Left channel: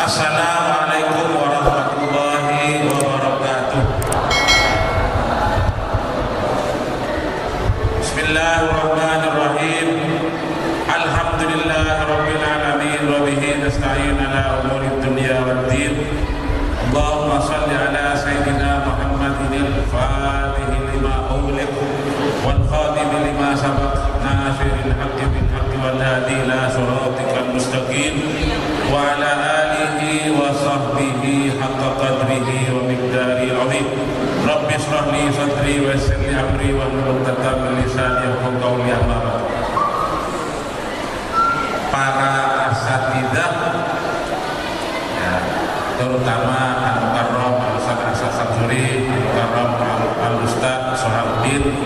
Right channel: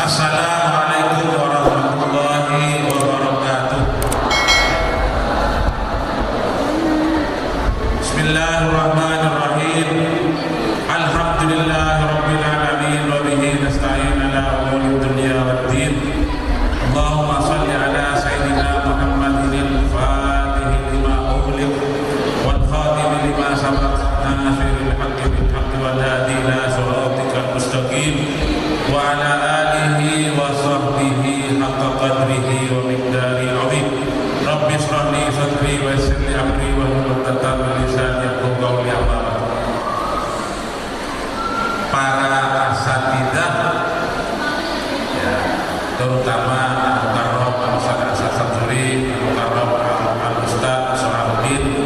Assalamualaikum warahmatullahi wabarakatuh. Bismillahirrahmanirrahim. Alhamdulillahirabbil alamin wa bihi nasta'in ala umuri dunya waddin. Allahumma shalli ala sayyidina Muhammadin al-Fatih lima ughliq wal khatim lima sabaq nasiril haqqi bil haqqi wal hadi ila siratikal mustaqim wa ala alihi wa sahbihi haqqa qadrihi wa miqdaril azim. Rabbi shrah li sadri wa yassir li amri wa hlul 'uqdatam min lisani yafqahu qawli. Amma ba'd. Para asatidzah ya, terutama Al-Mukarram Al-Ustaz Asad Samsuri, Al-Mukarram Al-Ustaz Sohabuddin,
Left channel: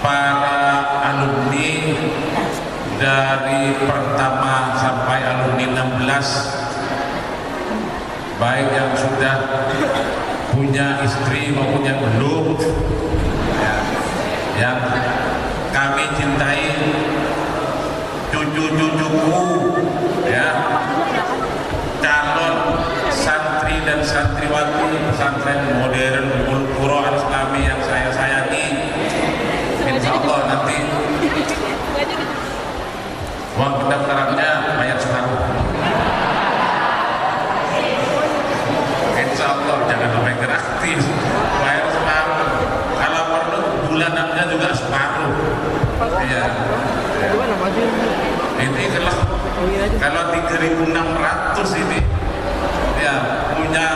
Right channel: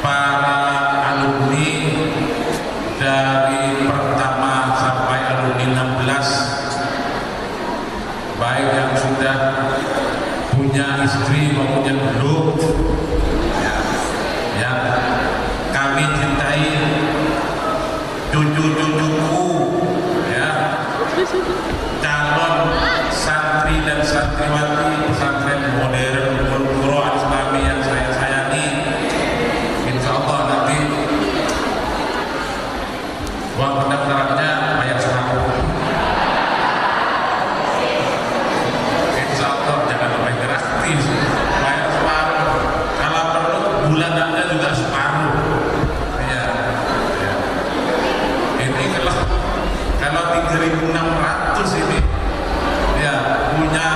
para alumni dari pertama sampai alumni 16, baik yang sudah punya istri maupun yang belum, ya, yang kami cintai, cucu-cucuku, ya, calon santri dan santriwati pesantren modern Qur'an Al-Islami yang saya sayangi. Insya Allah nanti uang pendaftarannya bayar separuh. Insya Allah jangan sampai gratis, bayar separuh. Kalau perlu bulanannya juga separuh. Ya, ya. Ini kalau 3.600 ini, ya, punya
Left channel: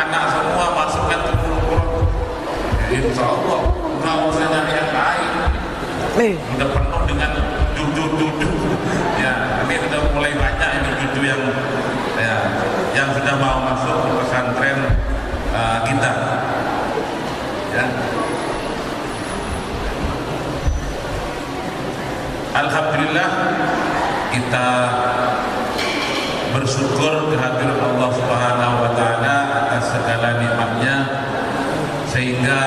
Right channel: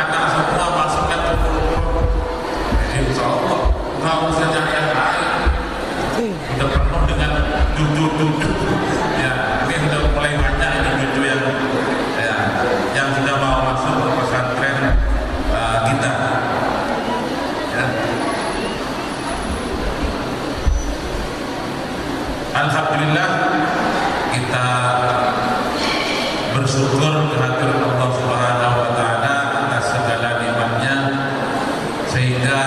anak semua masukkan ke Qur'an. Insya Allah nggak usah nyari yang lain. Udah penuh dengan cucu-cucu. Ya, ini sudah mulai banyak ini cucu yang, ya, yang sudah mau masuk ke pesantren kita. Ya. Alhamdulillah kita bersyukur kehadiran Allah Subhanahu wa taala atas segala nikmatnya, sehingga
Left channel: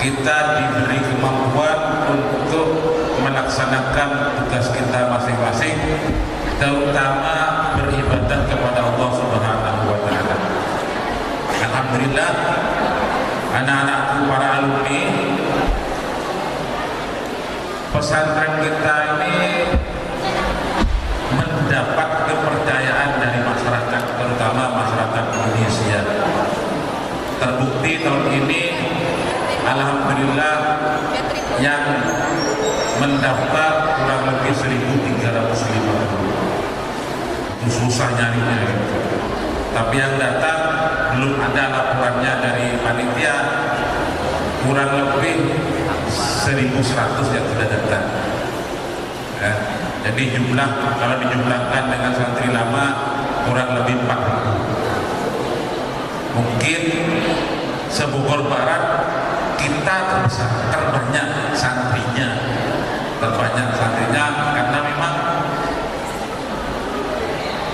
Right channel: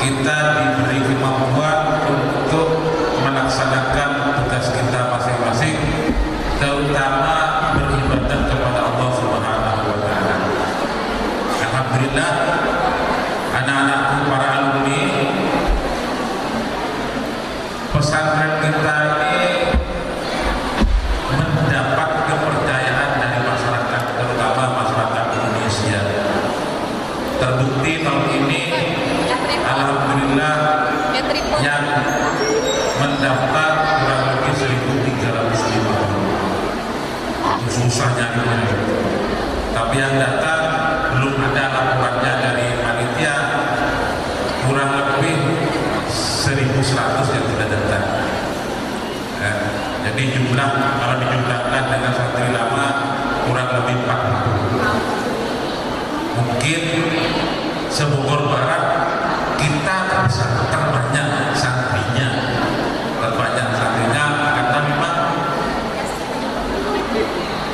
kita diberi kemampuan untuk melaksanakan tugas kita masing-masing, terutama beribadah kepada Allah Subhanahu wa taala. Alhamdulillah, anak-anakku para alumni pesantren kita ini mendapat kepercayaan dari masyarakat, terutama masyarakat Indonesia. Terbukti tahun ini alhamdulillah yang mendaftar kurang lebih 1.350. Itu susah nyarinya gitu. Tapi yang datang belum ada laporannya dari panitia, kurang lebih 1.100 yang sudah datang. Ya, jadi jumlah kalau dijumlahkan dengan santri lama kurang lebih 4.000. Mungkin se-Bogor Barat kita terbanyak santrinya, karena memang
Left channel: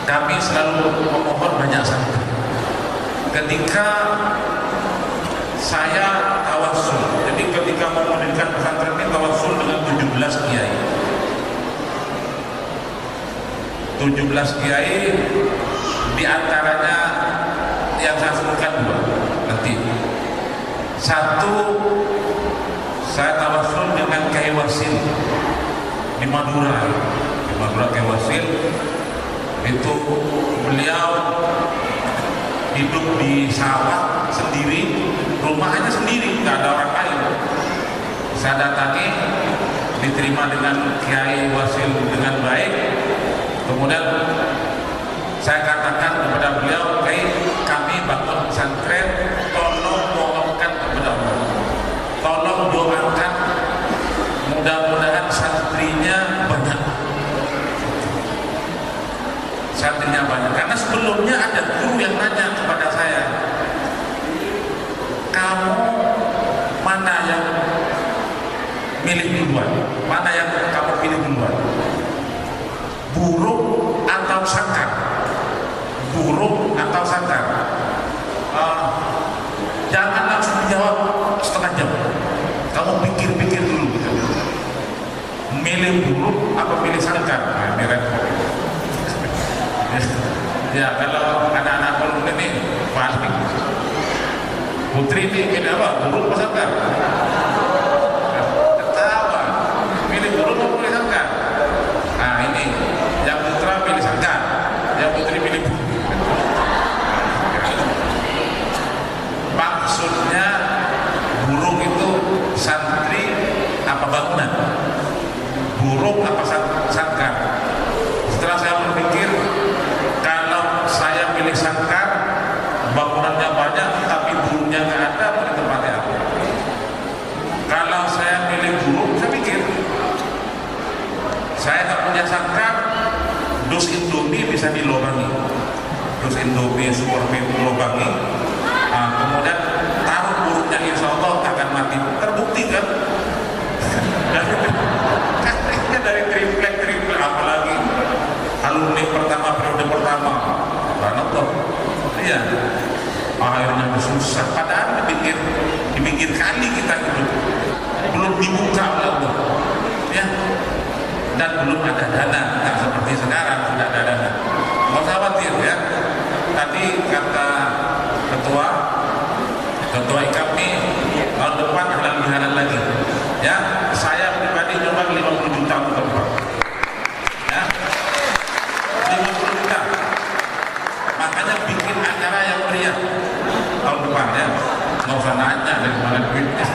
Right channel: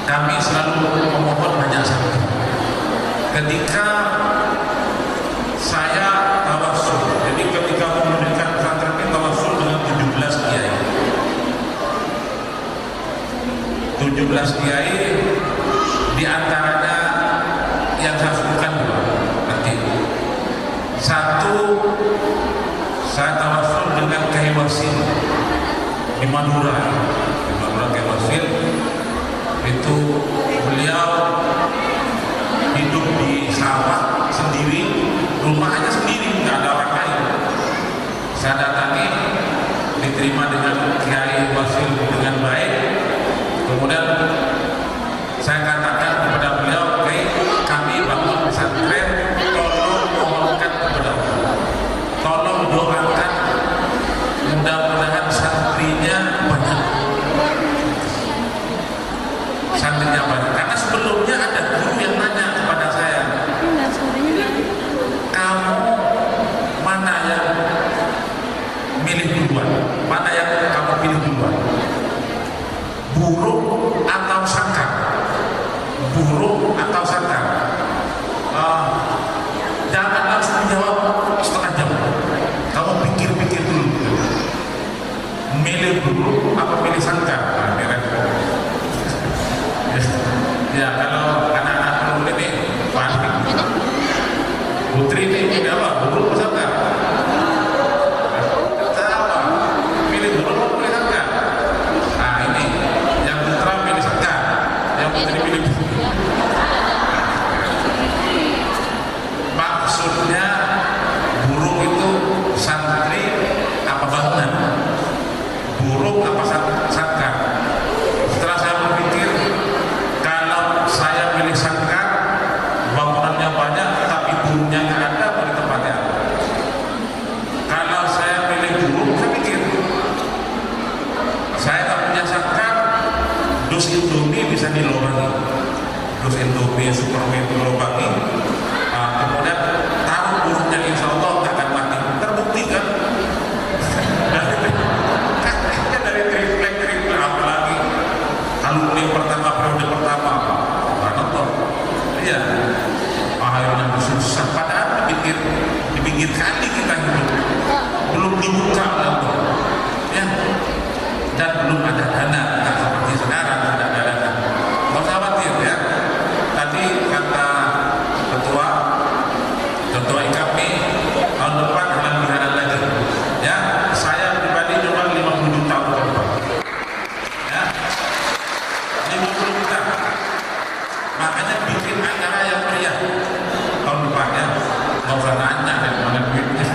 kami selalu memohon banyak santri. Ketika saya tawassul, jadi ketika mendirikan pesantren ini tawassul dengan 17 kiai. 17 kiai, diantaranya yang saya sebutkan dua nanti. Satu, saya tawassul dengan Kiai Wasil di Madura. Di Madura Kiai Wasil itu beliau hidup di sawah sendiri, rumahnya sendiri, nggak ada orang lain. Saya datangi, diterima dengan Kiai Wasil dengan baik. Kemudian saya katakan kepada beliau, Kiai, kami bangun pesantren, tolong mohonkan kepada Allah, tolong doakan, mudah-mudahan santrinya banyak. Santrinya banyak, karena sebelumnya ada guru yang nanya kepada saya, kamu mana yang milih duluan, mana yang kamu pilih duluan, burung atau sangkar? Burung atau sangkar? Jangan langsung menjawab setengah jam, kamu pikir-pikir dulu gitu. Milih burung apa pilih sangkar? Nah, ini repot. Ya kalau anak-anak perlu ini panik. Putri ini apa? Burung apa sangkar? Ketawa. Pilih burung apa pilih sangkar? Nah ini, yang putra pilih sangkar, yang putri pilih burung. Maksudnya burung itu santri apa bangunan? Burung apa sangkar? Setelah saya berpikir, kalau saya pilih sangkar, bangunannya banyak tapi burungnya nggak ada, pada tempatnya apa? Kalau saya pilih burung, saya pikir saya tak punya sangkar, dus Indomie bisa dilobangi, dus Indomie Superman dilobangi, kemudian taruh burungnya, insya Allah tak akan mati. Terbukti kan? dari triplek apalagi alumni pertama periode pertama Ranoto, iya, akhirnya susah. Padahal di pinggir kali kita hidup, belum dibuka oleh Allah, ya, dan belum ada dana. Tak seperti sekarang sudah ada dana. Nggak usah khawatir ya. Tadi kata ketua IKAPI tahun depan halal bihalal lagi. Ya, saya pribadi coba 50 juta untuk depan. Ya, 50 juta. Makanya bikin acara yang meriah tahun depan ya. Nggak usah nanya dari mana duitnya.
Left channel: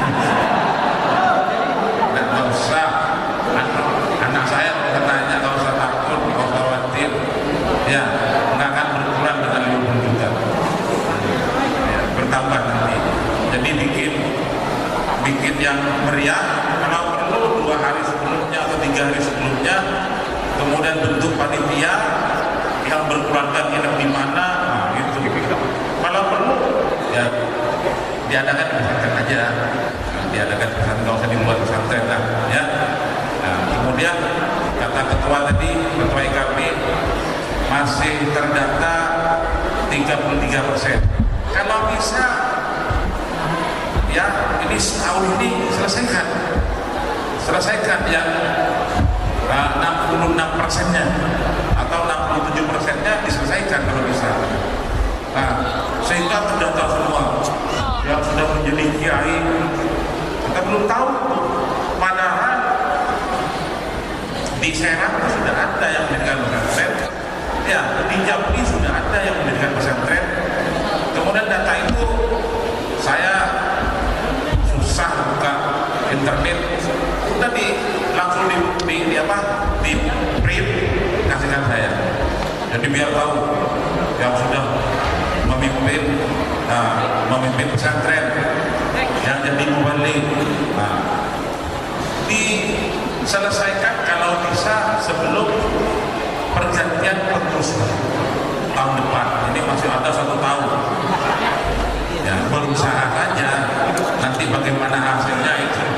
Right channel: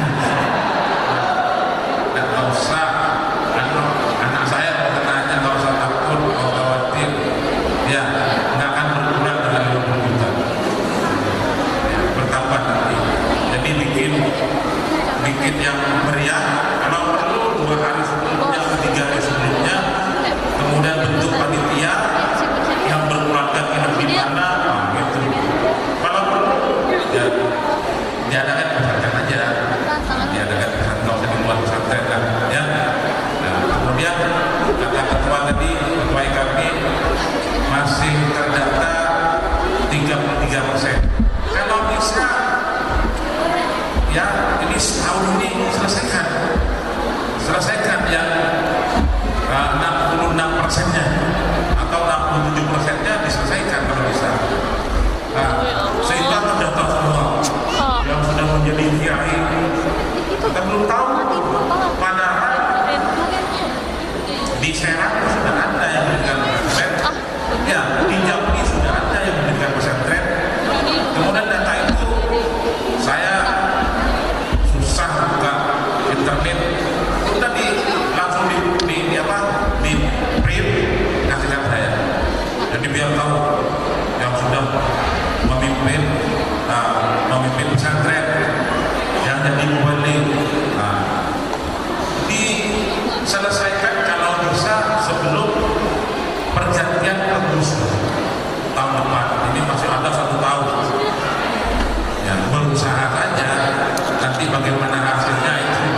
Nggak usah. Anak saya nggak usah nanya, nggak usah takut, nggak usah khawatir. Ya, nggak akan berkurang dengan 50 juta. Ya, bertambah nanti. Jadi bikin yang meriah. Kalau perlu 2 hari sebelumnya atau 3 hari sebelumnya, kemudian bentuk panitia yang berkeluarga nginep di mana, nah gitu. Kalau perlu ya diadakan di pesantren aja, diadakan di pesantren, nggak usah di luar pesantren lah, ya. Nah kemudian kata ketua tadi, ketua IKAPI masih terdata 33%. Kalau bisa ya ini setahun ini selesaikan yang 66%-nya atau 67%-nya diselesaikan kalau bisa. Nah, sehingga terdata semua yang sudah menjadi kiai. Kita belum tahu, padahal di Serang sudah ada yang mendirikan pesantren, ya di Jambi sudah ada yang mendirikan pesantren. Kemudian data itu saya susah buka internet, udah langsung di print kasihkan saya. Jadi biar tahu yang sudah memimpin pesantren, yang jadi mubalik. Nah, diselesaikan kalau bisa sebelum pergantian pengurus tahun depan. Ini masih ada 1 tahun. Ya, berusaha saja. Nanti bagaimana hasilnya itu,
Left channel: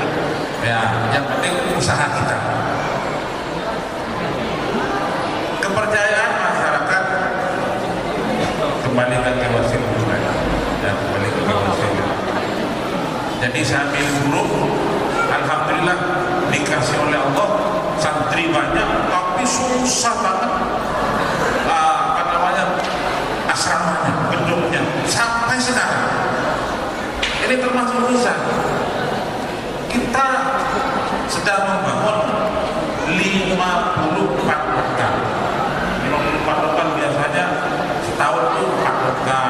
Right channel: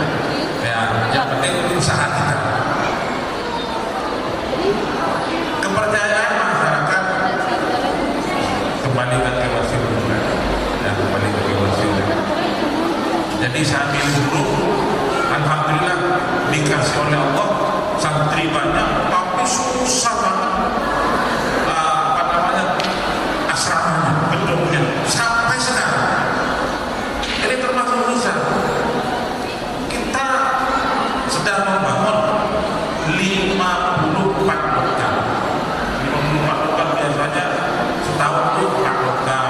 ya, yang penting usaha kita. Kepercayaan masyarakat kembali ke KYC, ya, kembali ke KYC. Jadi saya ambil guru, alhamdulillah dikasih oleh Allah santri banyak, tapi susah banget asramanya, gedungnya sampai sekarang. Ini termasuk susah. Kita sedang membangun 54 lokal. 54 lokal biasanya setahun itu 4 lokal,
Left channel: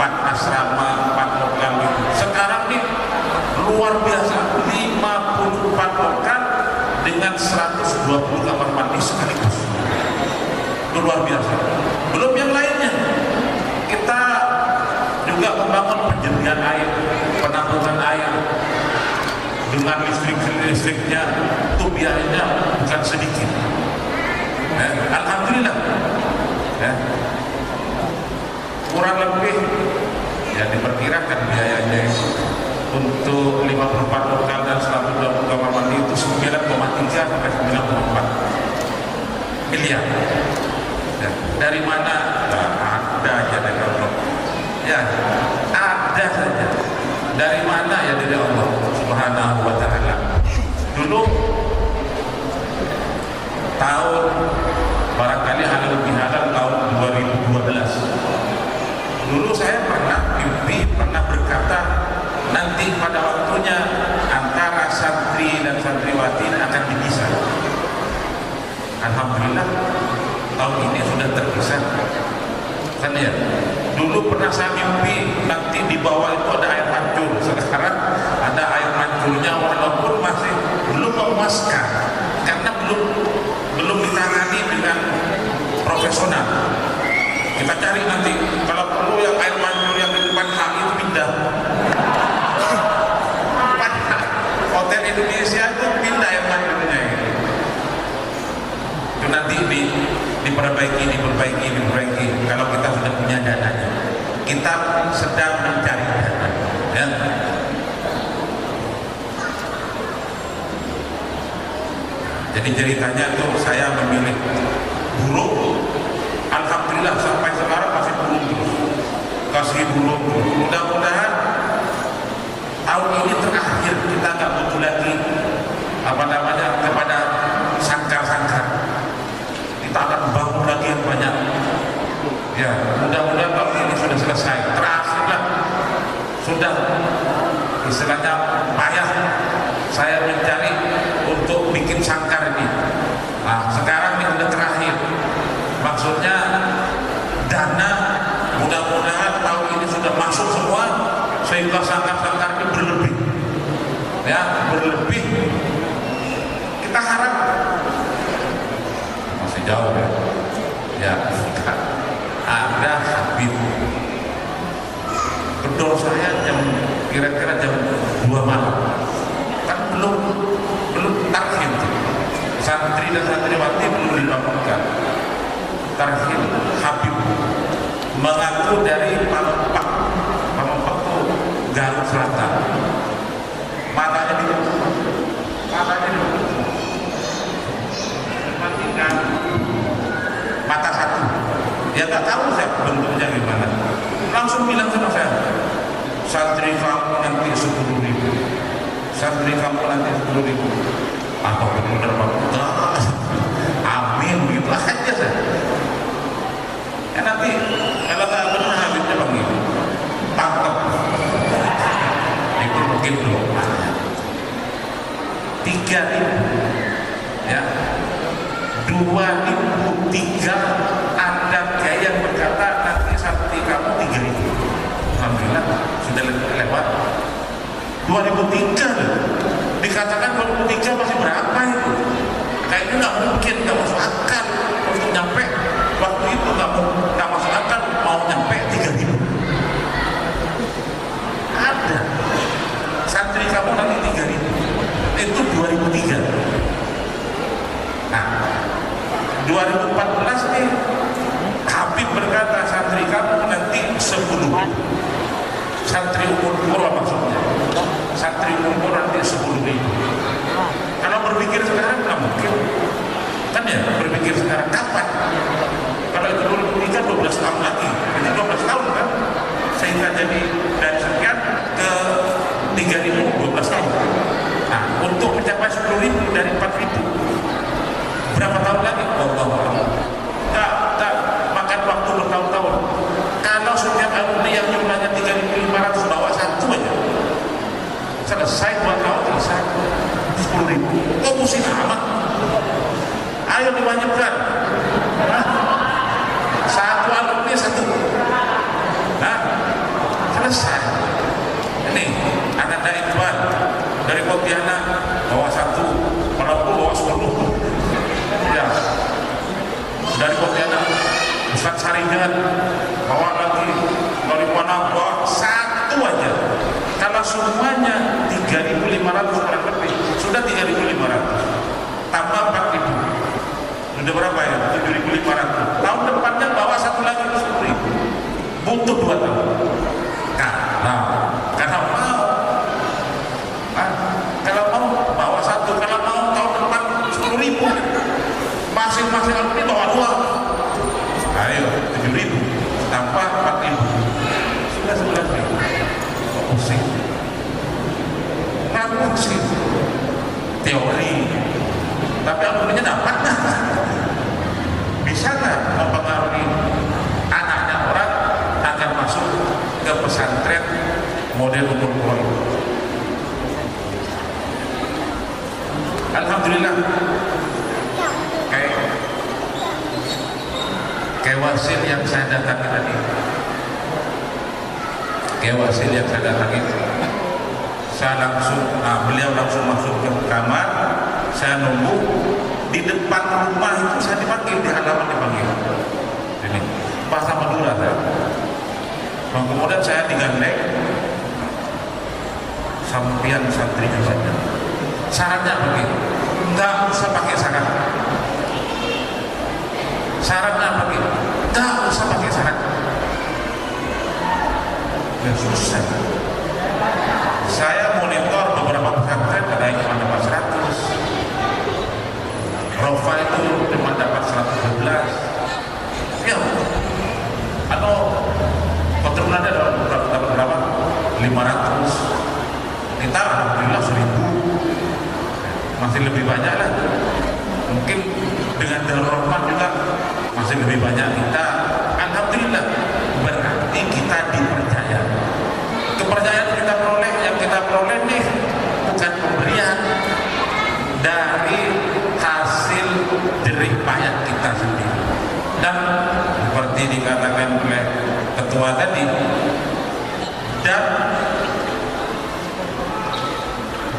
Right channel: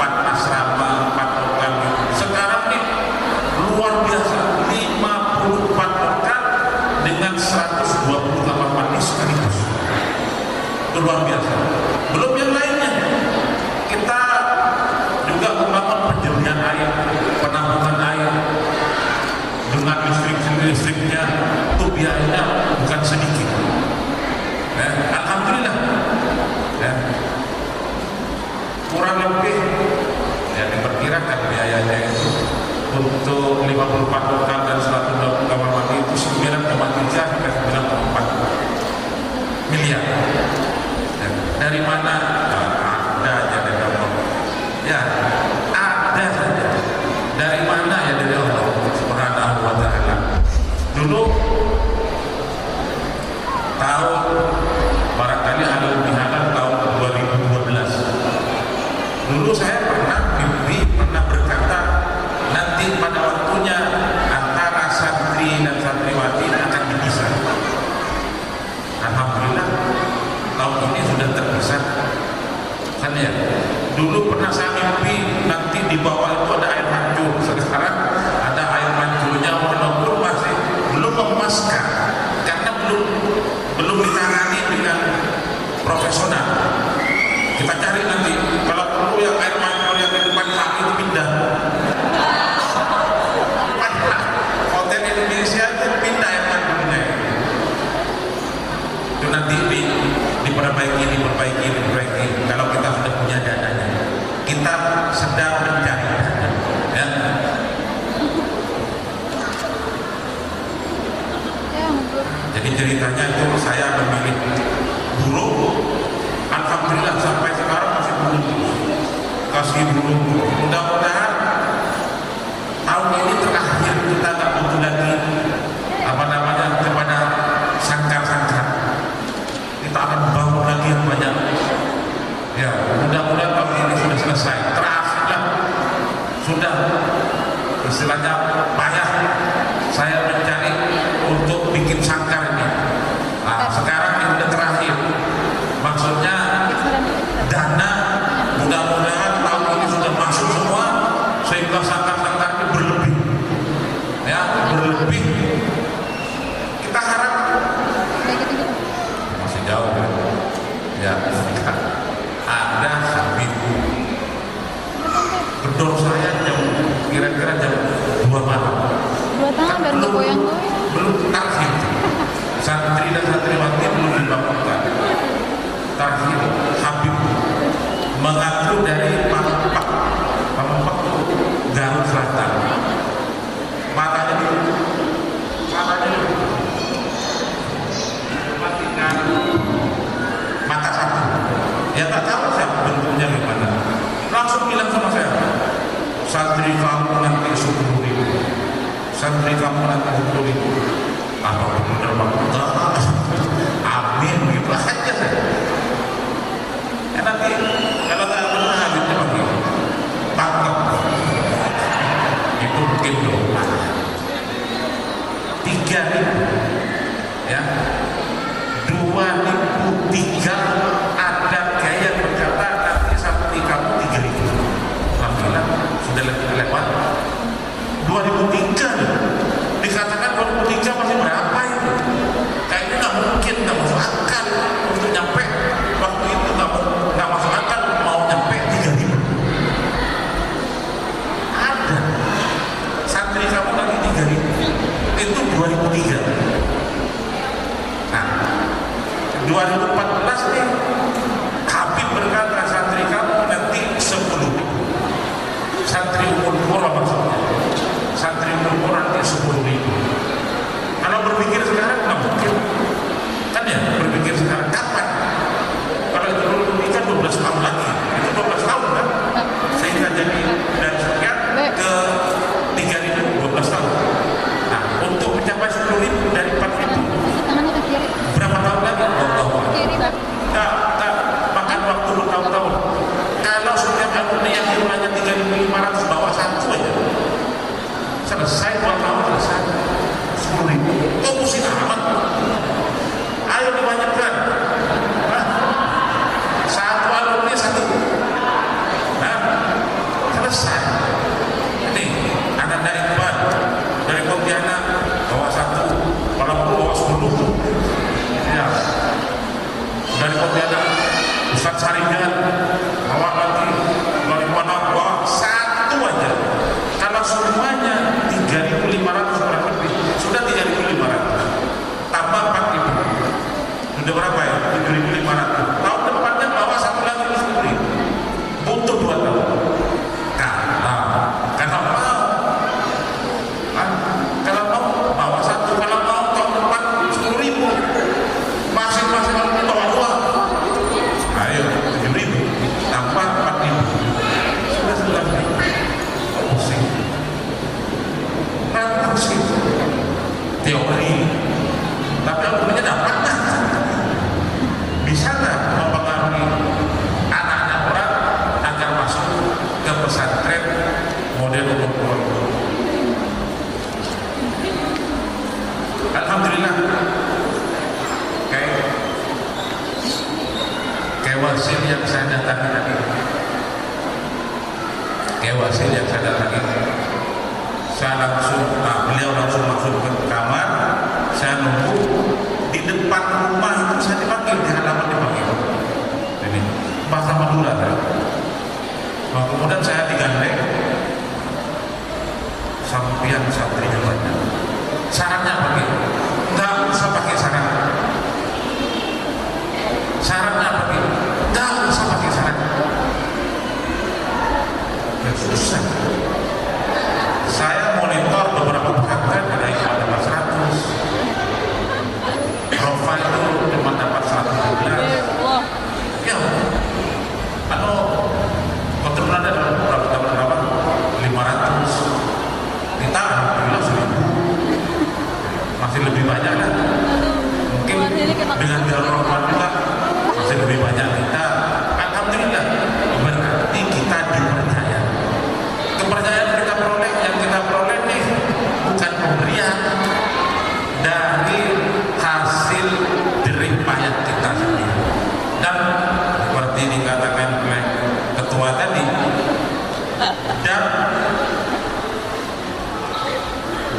4 asrama, 4 lokal gitu. Sekarang nih luar biasa, 54 lokal dengan 120 kamar mandi sekaligus. Itu luar biasa. Belum yang lainnya. Kita juga membangun penjernihan air, penampungan air dengan listriknya, itu biayanya bukan sedikit. Alhamdulillah. Kurang lebih ya diperkirakan biayanya itu untuk 54 lokal dan 120 kamar mandi itu 9,3 sampai 9,4 miliar. Dari mana? Ada aja dari Allah. Ya, ada saja. Dari mana? Ya dari Allah Subhanahu wa ta'ala. Dulu tahun barangkali halal bihalal tahun 2012 waktunya antara santri dan santriwati akan dipisah. Alhamdulillah tahun ini sudah terpisah. Kan ya, dulu pernah saya mimpi nanti di bawah itu ada air mancur. Sekarang ada air mancurnya walaupun masih belum memuaskan karena belum ditangani dengan profesional. Kita cari nanti kalau perlu yang air mancur yang di depan kami itu pindah. Hotel Indonesia itu pindah air mancurnya itu nanti diperbaiki kalau kita sudah punya dananya. Kita sedang mencari dana ya. Jadi ceritanya itu saya memilih burung, alhamdulillah sampai sekarang masih burung terus, kasih burung terus. Mudah-mudahan tahun ini terakhir kita nggak butuh lagi kepada sangkar-sangkar. Kita akan bangun lagi yang banyak. Ya, mudah-mudahan tahun ini sudah selesai. Terakhirlah sudah istilahnya payah saya mencari untuk bikin sangkar ini. Nah, sekarang ini sudah terakhir. Maksudnya dana mudah-mudahan tahun ini sudah masuk semua sehingga sangkar-sangkar ini berlebih. Ya, berlebih. Kita harap masih jauh ya. Ya, ada Habib. Gedor saya kira-kira jam 2 malam. Kan belum tarhim. Santri dan santriwati belum dibangunkan. Tarhim Habib mengaku dari Pampak itu Garut Selatan. Matanya matikan mata satu. Ya tak tahu saya bentuknya gimana. Langsung bilang sama saya, santri kamu nanti 10.000. Santri kamu nanti 10.000. Apa benar Pak? Amin, begitu aja saya. Ya nanti kalau nggak benar habisnya panggil tangkap. Itu mungkin doa. 3.000 ya, 2.003 ada kayak yang berkata nanti santri kamu 3.000. Alhamdulillah sudah lewat 2003. Dikatakan 2003 masih berapa itu? Kayaknya nggak mungkin, nggak masuk akal untuk nyampe waktu itu, nggak masuk akal mau nyampe 3.000. Ada santri kamu nanti 3.000 itu 2003. Nah 2014 nih Habib berkata santri kamu nanti 10.000. Santri umur pura maksudnya. Santri umur nanti 10.000. Kalau berpikir sekarang nggak mungkin, kan ya? Berpikir sekarang kapan? Kalau itu dulu nikah 12 tahun lagi, itu 12 tahun kan? Sehingga jadi dari sekian ke 3.000 12 tahun. Nah, untuk mencapai 10.000 dari 4.000 berapa tahun lagi? Allah. Tak makan waktu bertahun-tahun. Kalau setiap alumni yang jumlahnya 3.500 bawa satu aja, selesai 2 tahun selesai 10.000. Kok pusing amat? Ayo dibanyakan. Nah, satu alumni satu. Nah, selesai. Ini anak Iqbal dari Pontianak bawa satu, walaupun bawa 10. Ya, dari Pontianak Ustaz Saringan bawa lagi dari mana bawa satu aja. Kalau semuanya 3.500 kurang lebih, sudah 3.500 tambah 4.000, sudah berapa ya? 7.500. Tahun depannya bawa satu lagi 10.000, butuh 2 tahun. Karena mau kalau mau bawa satu, kalau mau tahun depan 10.000, masing-masing alumni bawa 2. Ayo 7.000 tambah 4.000, sudah 11.000. Pusing, nggak pusing teori, tapi alumninya dapat nggak? Bisa nggak mempengaruhi anaknya orang agar masuk ke pesantren model umur itu? Kewasil yang saya datangi tadi, Kewasil yang saya datangi, saya langsung, beliau langsung masuk ke kamar, saya nunggu di depan rumah itu, saya dipanggil, di halaman dipanggil. Ini bahasa Madura saya. Nah, kemudian saya digandeng, sampian santrinya banyak. Syaratnya apa nih? Nggak usah pakai syarat. Syaratnya apa nih? Nggak usah pakai syarat. Dan susah. Saya monitor beberapa pesantren, ada yang cuma dapat 100, Rofa itu cuma dapat 112. Ya, atau keturunan ada dapat berapa? 500. Kita alhamdulillah 1000. Masih lebih banyak lah. Mungkin dengan Darul Rahman juga masih lebih banyak kita. Alhamdulillah, berarti kita dipercaya. Kepercayaan kita peroleh, yang kita peroleh nih bukan pemberian dari hasil jerih payah kita sendiri. Dan seperti dikatakan oleh ketua tadi, dan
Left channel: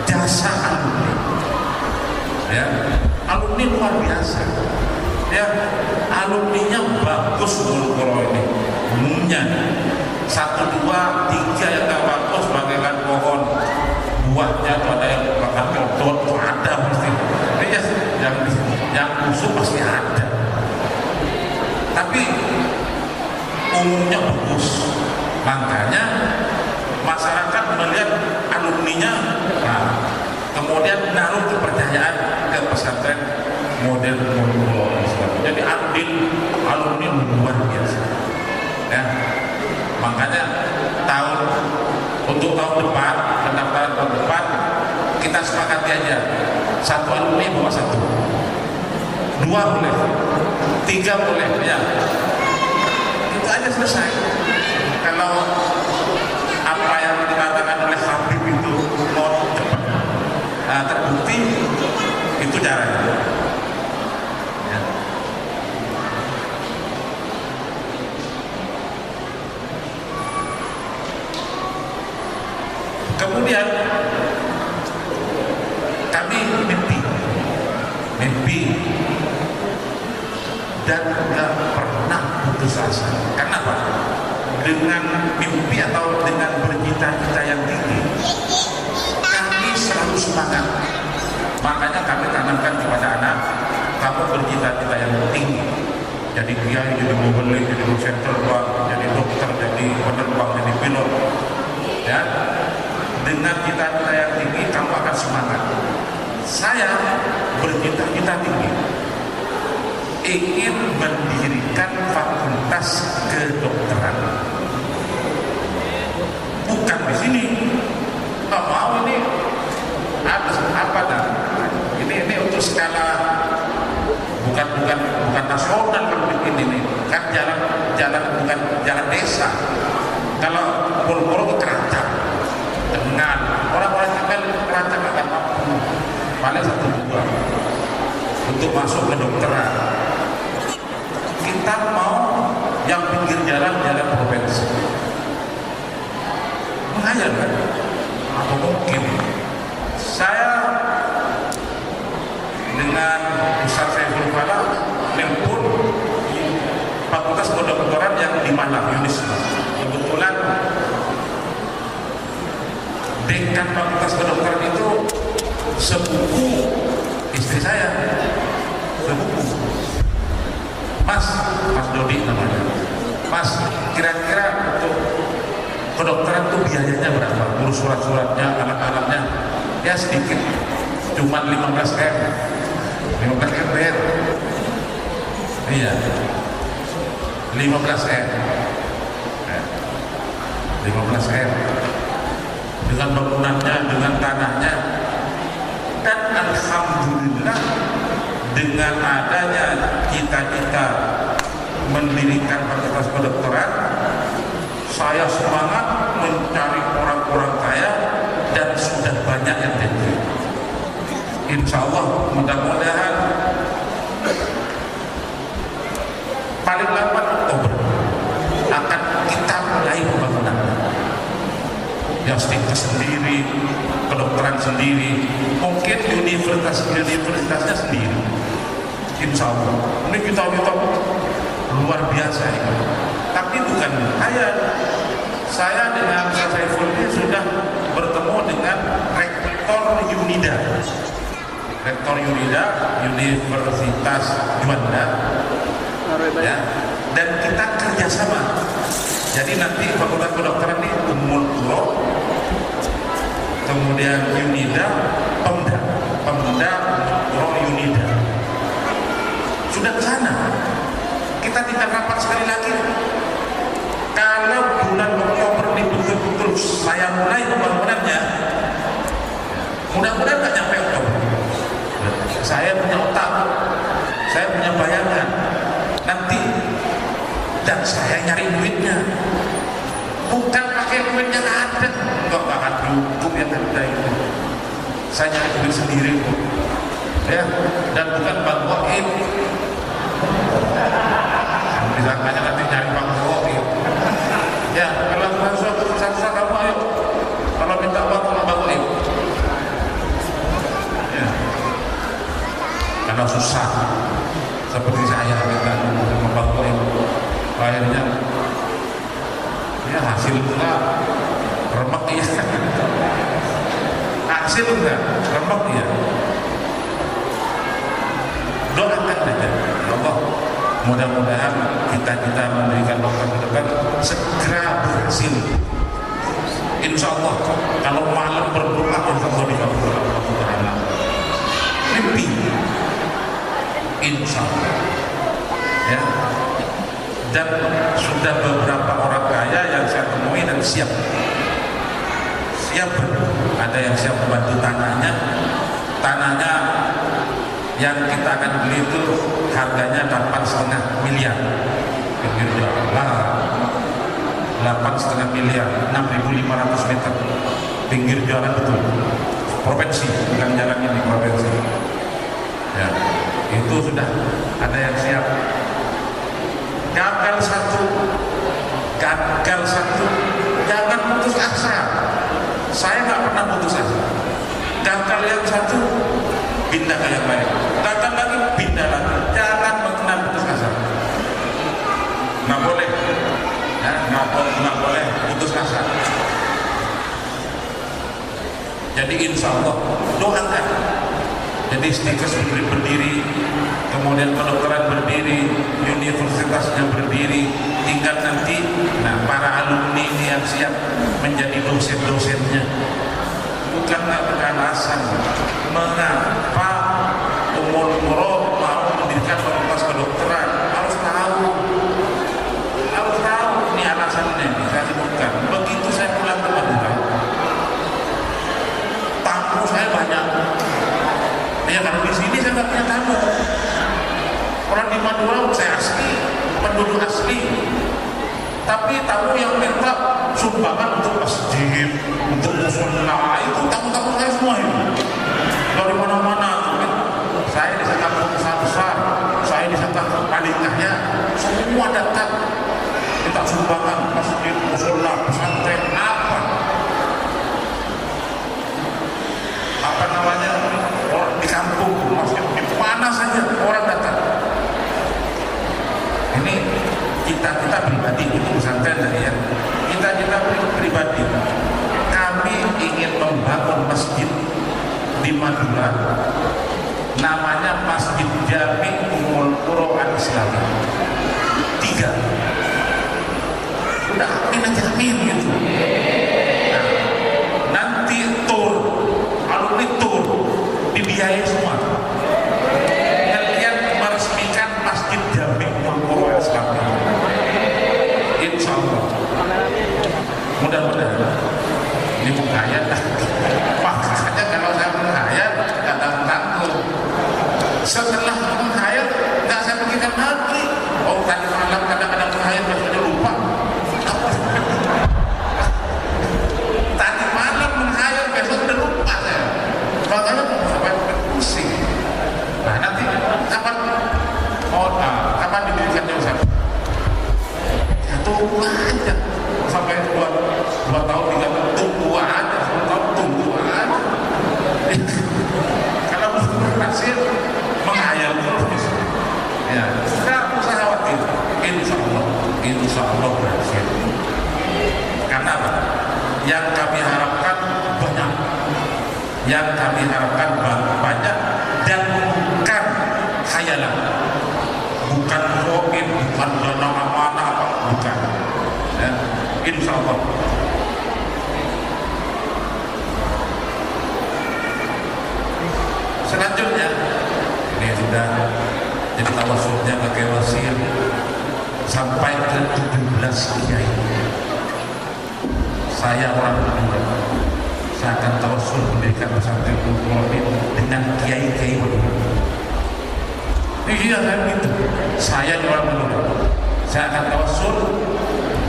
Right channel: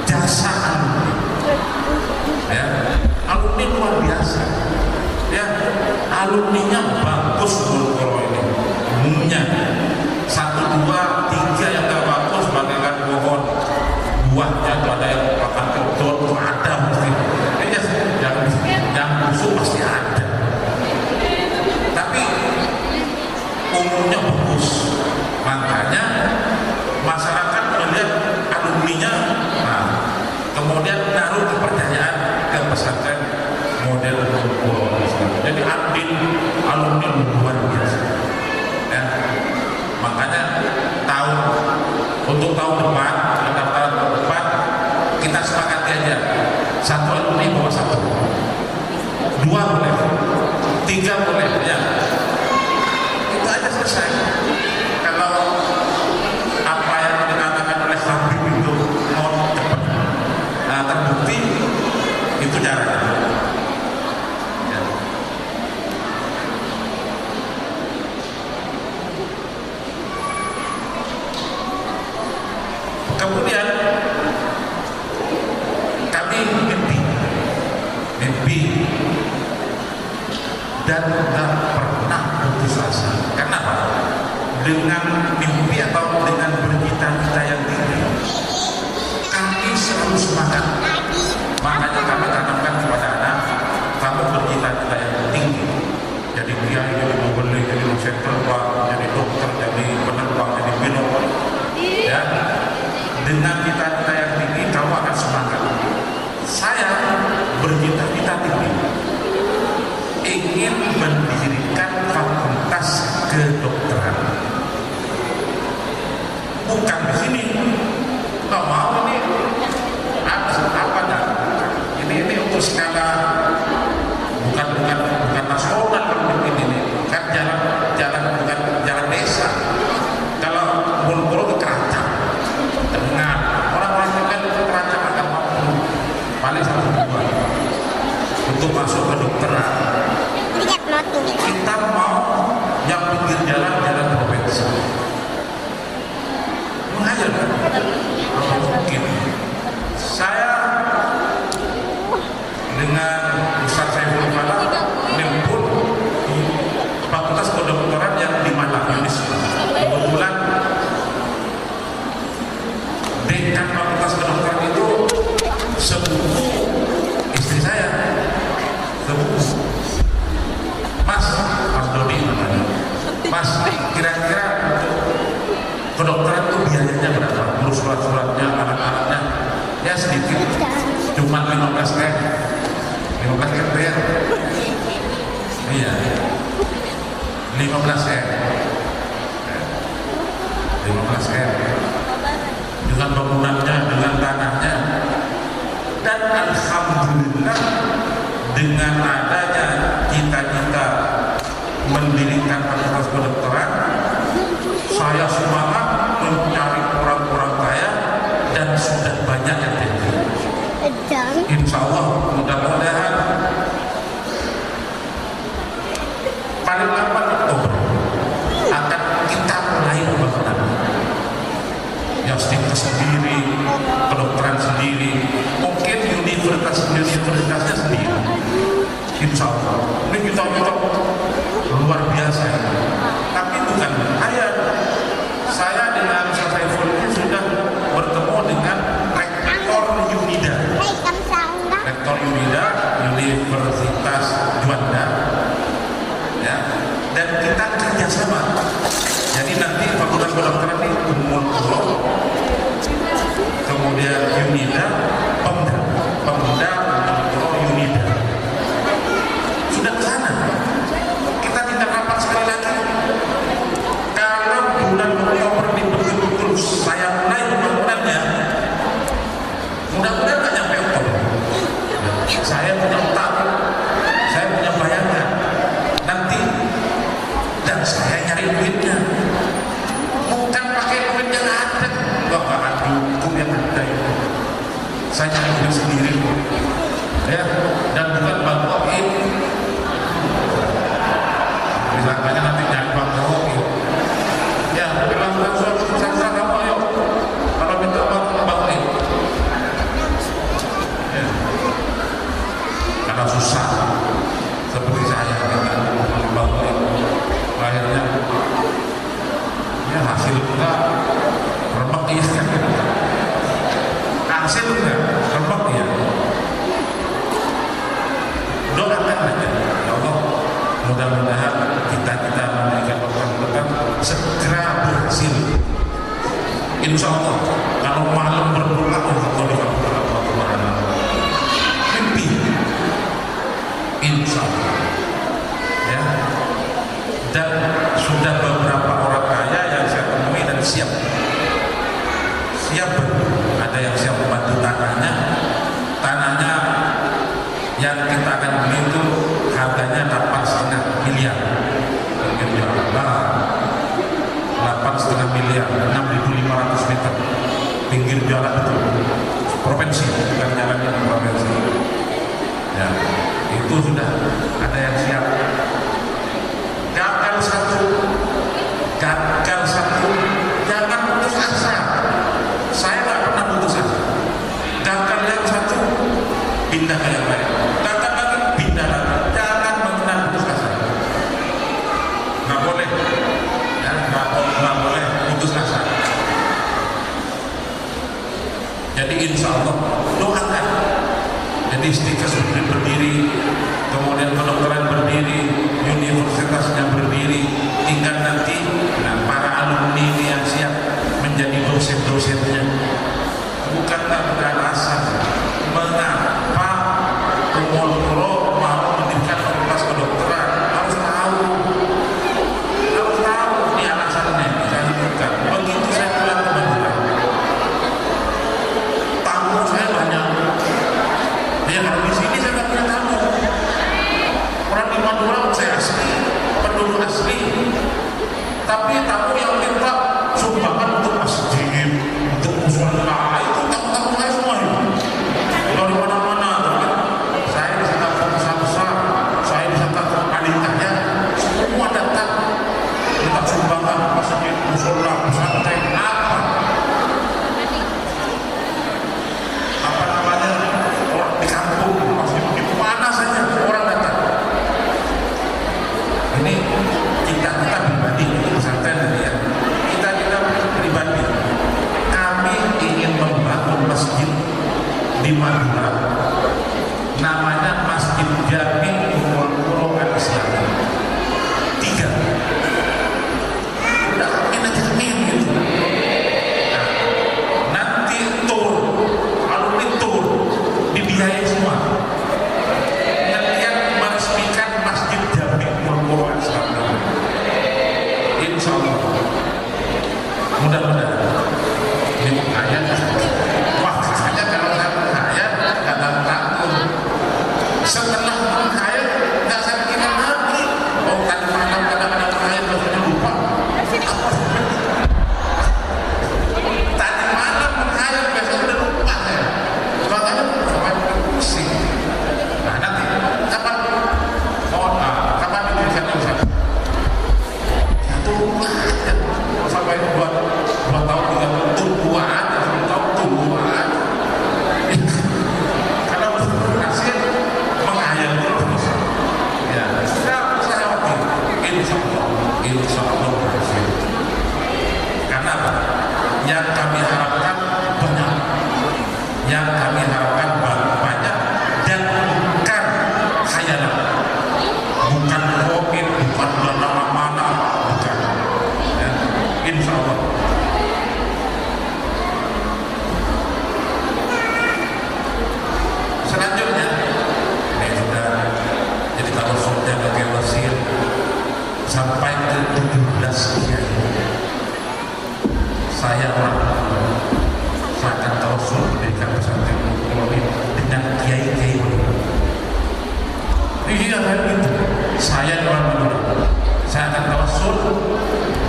jasa alumni, ya, alumni luar biasa, ya, alumninya bagus Gulkoro ini, umumnya 1, 2, 3 yang gak bagus bagaikan pohon buahnya tuh ada yang bahkan kebetulan tuh ada pasti, ya, yang busuk pasti ada, tapi umumnya bagus. Makanya masyarakat melihat alumninya, kemudian naruh kepercayaan ke pesantren model Gulkoro Islam. Jadi alumni luar biasa, ya. Makanya untuk tahun depan, pendaftaran tahun depan, kita sepakati aja, 1 alumni bawa 1, 2 boleh, 3 boleh, ya. Itu aja selesai. Kalau apa yang dikatakan oleh Habib itu mau cepat, terbukti, itu caranya. Ya. Kemudian kami mimpi dan nggak pernah putus asa. Kenapa? Dengan mimpi atau dengan bercita-cita yang tinggi, kami selalu semangat. Makanya kami tanamkan kepada anak, kamu bercita-cita yang tinggi. Jadi kiai, jadi mubalik, jadi dosen terbang, jadi dokter, jadi penerbang, jadi pilot. Ya, dengan cita-cita yang tinggi kamu akan semangat. Saya bercita-cita tinggi, ingin mendirikan fakultas kedokteran. Bukan di sini, nggak mau ini apa dah? Ini untuk skala bukan nasional kalau bikin ini. Kan jalan bukan jalan desa. Kalau Gulkoro ke Keracang, dengan orang-orang tinggal di Keracang akan mampu paling 1, 2 untuk masuk ke kedokteran. Kita mau yang pinggir jalan provinsi. Mengajar kan? Apa mungkin? Saya dengan Ustaz Saiful Fala mempun fakultas kedokteran yang di Malang, Unisba. Kebetulan dekan fakultas kedokteran itu sepupu istri saya, sepupu. Mas Dodi namanya. Mas, kira-kira untuk kedokteran itu biayanya berapa? Ngurus surat-suratnya, anak-anaknya, ya sedikit, cuma 15 M. 15 M bayar. Iya, 15 M. 15 M. Dengan bangunannya, dengan tanahnya, dan alhamdulillah dengan adanya cita-cita mendirikan fakultas kedokteran, saya semangat mencari orang-orang kaya dan sudah banyak yang jadi. Insya Allah mudah-mudahan paling lambat kita mulai pembangunan. Yang stikes sendiri, kedokteran sendiri, mungkin universitasnya sendiri. Insya Allah. Ini kita luar biasa itu. Tapi bukan saya dengan Saiful ini sudah bertemu dengan Rektor Unida. Rektor Unida, Universitas Juanda, ya, dan kita kerjasama. Jadi nanti Fakultas Kedokteran ini Ummul Qura, kemudian Unida, Pemda Ummul Qura Unida. Sudah ke sana. Kita tidak rapat sekali lagi. Kalau bulan Oktober ini betul-betul saya mulai pembangunannya, mudah-mudahan nggak nyampe Oktober. Saya punya otak, saya punya bayangan nanti, dan saya nyari duitnya, bukan pakai duit yang ada, nggak akan dukung yang ada itu. Saya nyari duit sendiri kok, ya, dan bukan Bang Goib. Disangkanya nanti nyari Bang Goib. Ya, kalau suatu sastra kamu ayo, kalau minta uang sama Bang Goib. Ya. Karena susah seperti saya minta sama Bang Goib, akhirnya ya hasil enggak, remek iya, hasil enggak, remek iya. Doakan aja, ya Allah, mudah-mudahan kita memberikan dokter segera berhasil. Insya Allah, kalau malam berdoa, insya Allah dikabulkan Allah Subhanahu. Mimpi, insya Allah, ya. Dan sudah beberapa orang kaya yang saya temui dan siap ada yang siap membantu tanahnya yang kita akan beli itu harganya 8,5 miliar pinggir jalan, 8,5 miliar, 6.500 meter pinggir jalan, betul, provinsi, bukan jalannya di provinsi, ya. Itu sudah ada yang siap. Gagal satu, jangan putus asa. Saya nggak pernah putus asa. Gagal yang satu, pindah ke yang lain. Gagal lagi, pindah lagi. Jangan pernah putus asa. Nggak boleh, ya, nggak boleh putus asa. Jadi insya Allah doakan. Jadi stikes berdiri, kemudian kedokteran berdiri, universitasnya berdiri, tinggal nanti para alumni ini yang siap menjadi dosen-dosennya. Bukan nggak beralasan mengapa Ummul Qura mau mendirikan fakultas kedokteran, harus tahu ini alasannya, saya bukan. Begitu saya pulang ke Madura, tamu saya banyak. Ya, kalau di sini saya nggak punya tamu. Orang di Madura saya asli, penduduk asli. Tapi tamu yang minta sumbangan untuk masjid, untuk musola, itu tamu-tamu saya semua itu. Dari mana-mana, saya disangka pengusaha besar, saya disangka paling kaya, semua datang minta sumbangan masjid, musola, pesantren, apa namanya, orang di kampung, masjid di mana saja orang datang. Ini kita pribadi, itu pesantren tadi ya. Kita pribadi, kami ingin membangun masjid di Madura, namanya Masjid Jami Ummul Qura Al-Islami 3. Udah amin aja, amin gitu. Nah, nanti alumni tour dibiayai semua. Kalian meresmikan Masjid Jami Ummul Qura Al-Islami, insya Allah. Mudah-mudahan ini kaya dah. Makanya kalau saya kaya nggak takut. Setelah kaya nggak saya pikirkan lagi. Oh, tadi malam kadang-kadang kaya maksudnya lupa. Tadi malam menghayal, besok udah lupa saya. Makanya sampai pusing. Nah, nanti kapan diberikannya Ustaz? Ya tuh tunggu aja sampai dua tahun 3 tahun, tunggu aja, 10 tahun tunggu aja. Kalau belum berhasil menghayal terus, ya nggak usah khawatir, insya Allah berhasil. Karena apa? Yang kami harapkan banyak, banyak dan bukan khayalan, bukan covid, bukan dana mana apa, bukan. Ya, insya Allah. Selanjutnya, ini sudah jadi tawasulnya ke Kewasil sampai ke 17 kiai. Saya orang Madura, saya akan tawasul mendirikan pesantren Nurul dengan kiai-kiai Madura. Iya saya gitu. Saya orang Madura, saya akan tawasul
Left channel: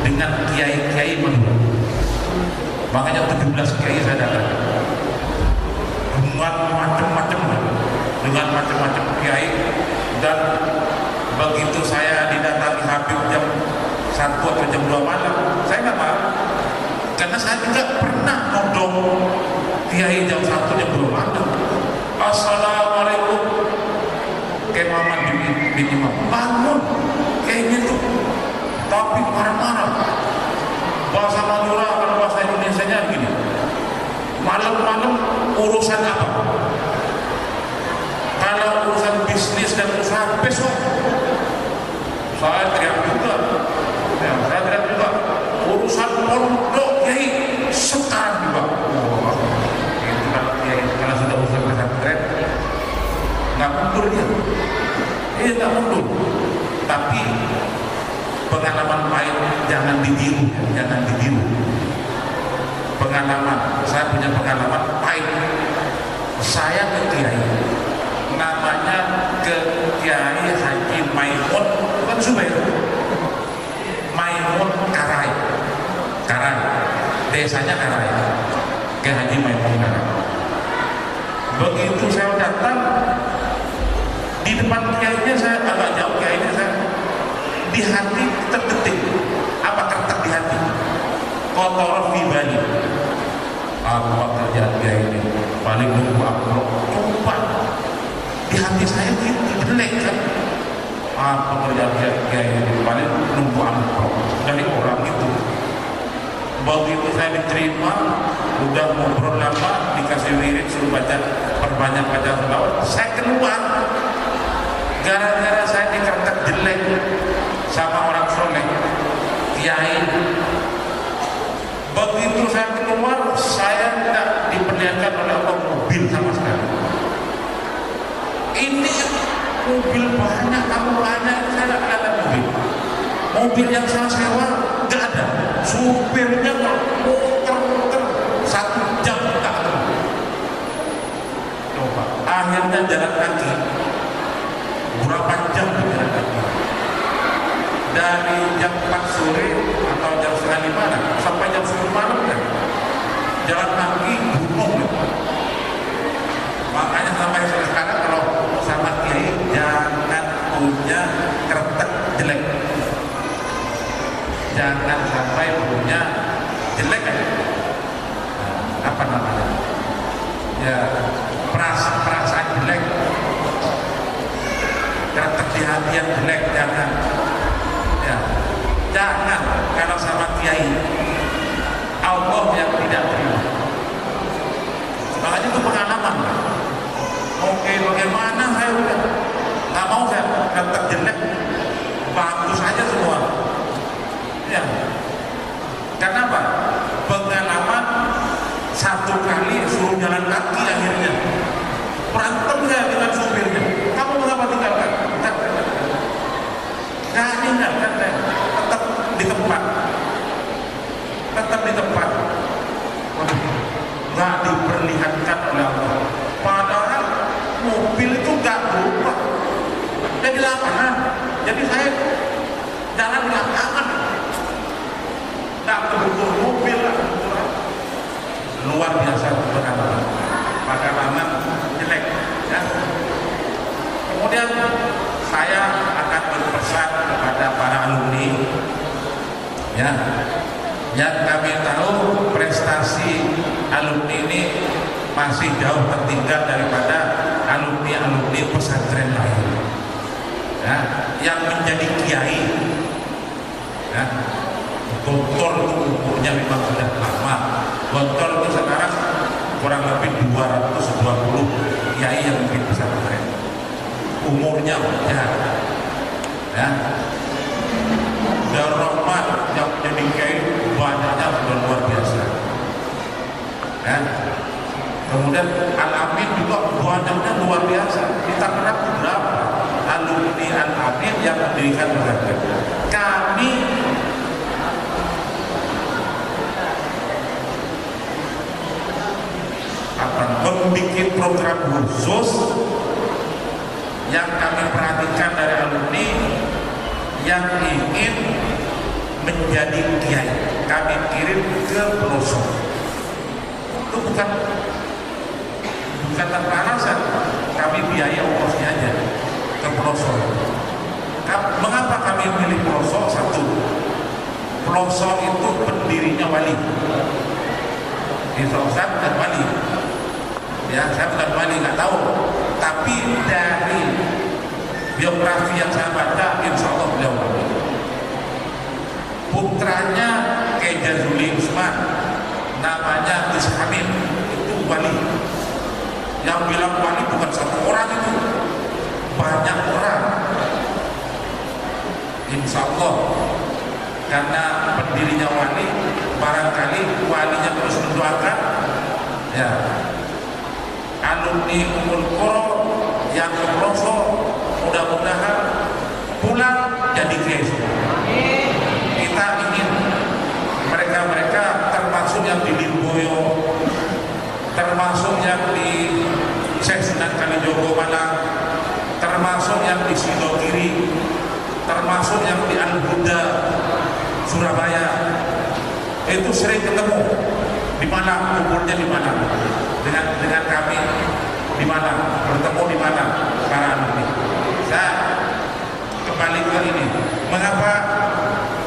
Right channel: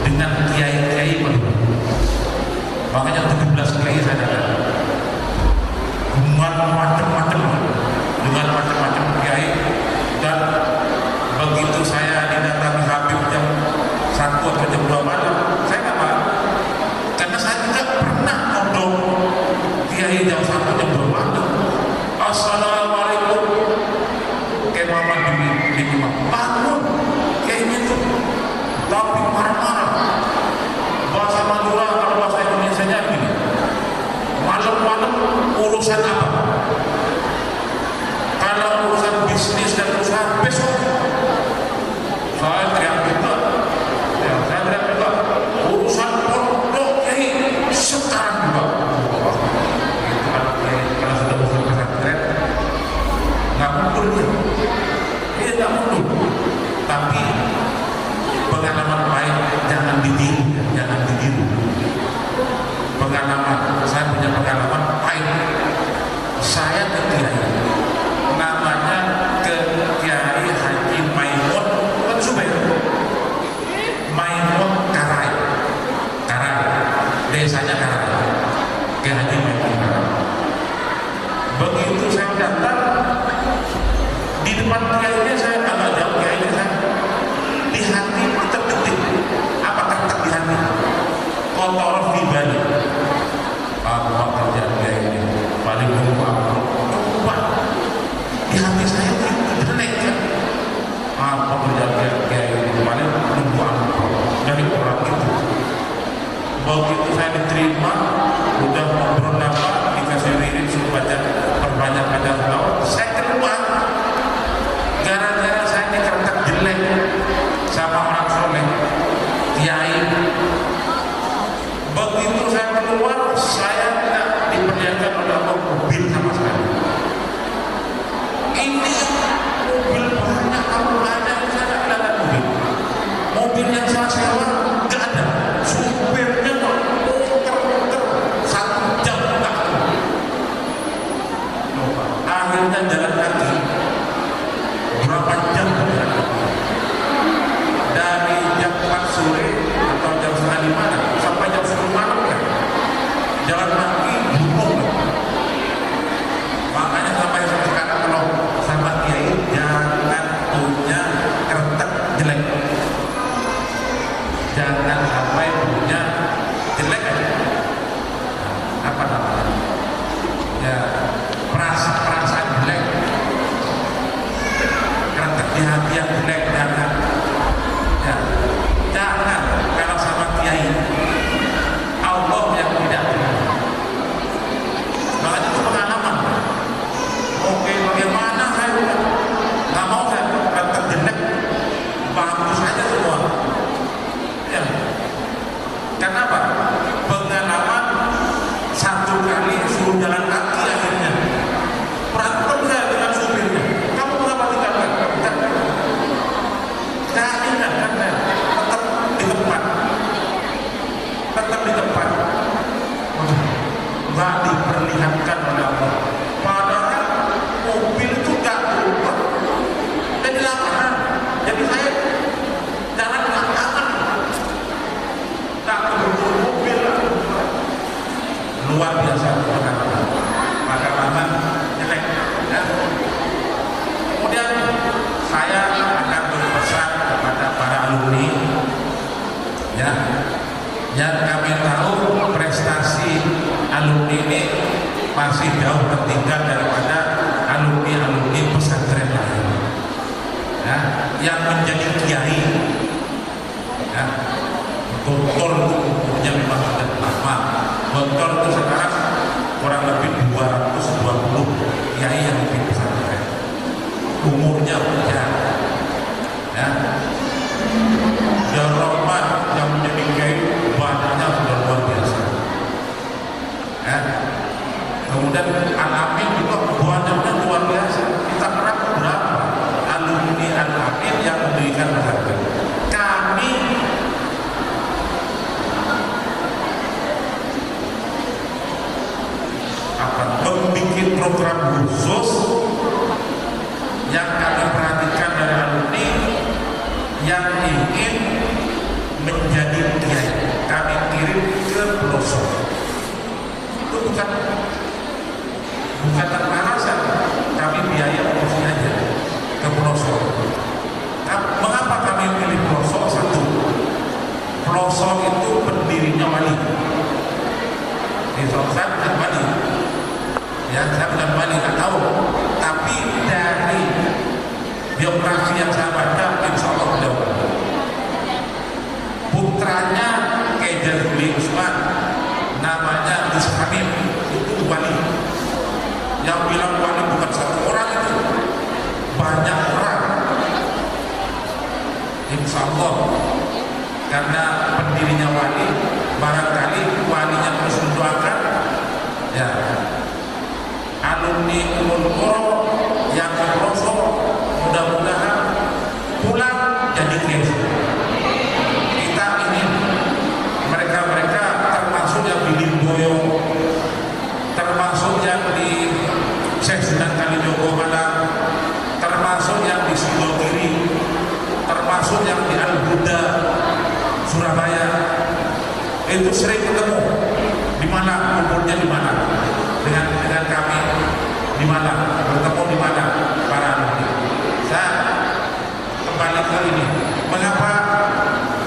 dengan kiai-kiai Madura. Makanya 17 kiai saya datang. Dengan macam-macam kiai, dan begitu saya didatangi Habib jam 1 atau jam 2 malam, saya nggak marah, karena saya juga pernah nodong kiai jam 1 jam 2 malam. Assalamualaikum, kayak Muhammad di imam, bangun kayaknya tuh, tapi marah-marah. Bahasa Madura, kalau bahasa Indonesia nya gini, malam-malam urusan apa? Kalau urusan bisnis dan usaha besok, saya teriak juga. Ya, saya teriak juga. Urusan pondok kiai sekarang juga. Oh, itu kalau sudah urusan pesantren, nggak mundur dia. Dia nggak mundur. Tapi pengalaman baik jangan ditiru, jangan ditiru. Pengalaman, saya punya pengalaman pahit. Saya ke kiai, namanya ke Kiai Haji Maimun, bukan Zubair, Maimun Karai, desanya Karai, ke Haji Maimun Karai. Begitu saya datang, di depan kiainya saya agak jauh, kiainya saya di hati terdetik. Apa tertak di hati? Kotor pribadi. Apa kerjaan dia ini paling nunggu amplop, coba di hati saya itu jelek kan. Apa kerjaan dia ini paling nunggu amplop dari orang itu. Begitu saya diterima, udah ngobrol lama, dikasih wirid suruh perbanyak baca selawat, saya keluar gara-gara saya dikatakan jelek sama orang soleh kiai. Begitu saya keluar, saya tidak diperlihatkan oleh Allah mobil sama sekali. Ini mobil banyak, kamu banyak, saya tidak kelihatan mobil. Mobil yang saya sewa nggak ada. Supirnya muter-muter 1 jam nggak ketemu. Coba, akhirnya jalan kaki. Berapa jam jalan kaki? Dari jam 4 sore atau jam setengah 5 sampai jam 10 malam kan, jalan kaki gunung. Makanya sampai sekarang kalau sama kiai jangan punya kretek jelek, jangan sampai punya jelek kan? Apa namanya? Ya perasaan jelek, kretek di hati yang jelek jangan. Ya, jangan kalau sama kiai Allah yang tidak terima. Makanya itu pengalaman. Oke, bagaimana saya udah nggak mau saya kata jelek, bagus aja semua. Ya, kenapa? Pengalaman 1 kali suruh jalan kaki akhirnya berantem saya dengan supirnya. Kamu mengapa tinggalkan? Enggak, kan tetap di tempat, waduh, nggak diperlihatkan oleh Allah. Padahal mobil itu nggak berubah, jadi lapangan. Jadi saya jalan Ya, yang kami tahu prestasi alumni ini masih jauh tertinggal daripada alumni pesantren lain. Ya, yang menjadi kiai, ya, doktor itu umurnya memang sudah lama. Doktor itu sekarang kurang lebih 220 kiai yang di pesantren. Umurnya ya. Dan rahmat yang menjadi kiai banyaknya sudah luar biasa. Ya. Kemudian Al-Amin juga banyaknya luar biasa. Kita kenal berapa alumni Al-Amin yang mendirikan pesantren. Kami akan membuat program khusus yang kami perhatikan dari alumni yang ingin menjadi kiai. Kami kirim ke pelosok. Itu bukan tanpa alasan. Kami biaya ongkosnya aja ke pelosok. Mengapa kami pilih pelosok? Satu, pelosok itu pendirinya wali. Saya bukan wali, ya saya bukan wali, nggak tahu. Tapi dari biografi yang saya baca, insya Allah beliau wali. Putranya Kiai Jazuli Usman, namanya Gus Hamid, itu wali. Yang bilang wali bukan satu orang itu, banyak orang. Insya Allah, karena pendirinya wali, barangkali walinya terus mendoakan, ya. Alumni Ummul Qura yang ke pelosok mudah-mudahan pulang jadi kiai. Kita ingin mereka termasuk yang di Lirboyo, termasuk yang di Syekh Sinan Kalijogo Malang, termasuk yang di Sidogiri, termasuk yang di Al-Huda Surabaya, itu sering ketemu di Malang, kumpulnya di Malang dengan kami di Malang, bertemu di Malang para alumni. Saya kembali ke ini, mengapa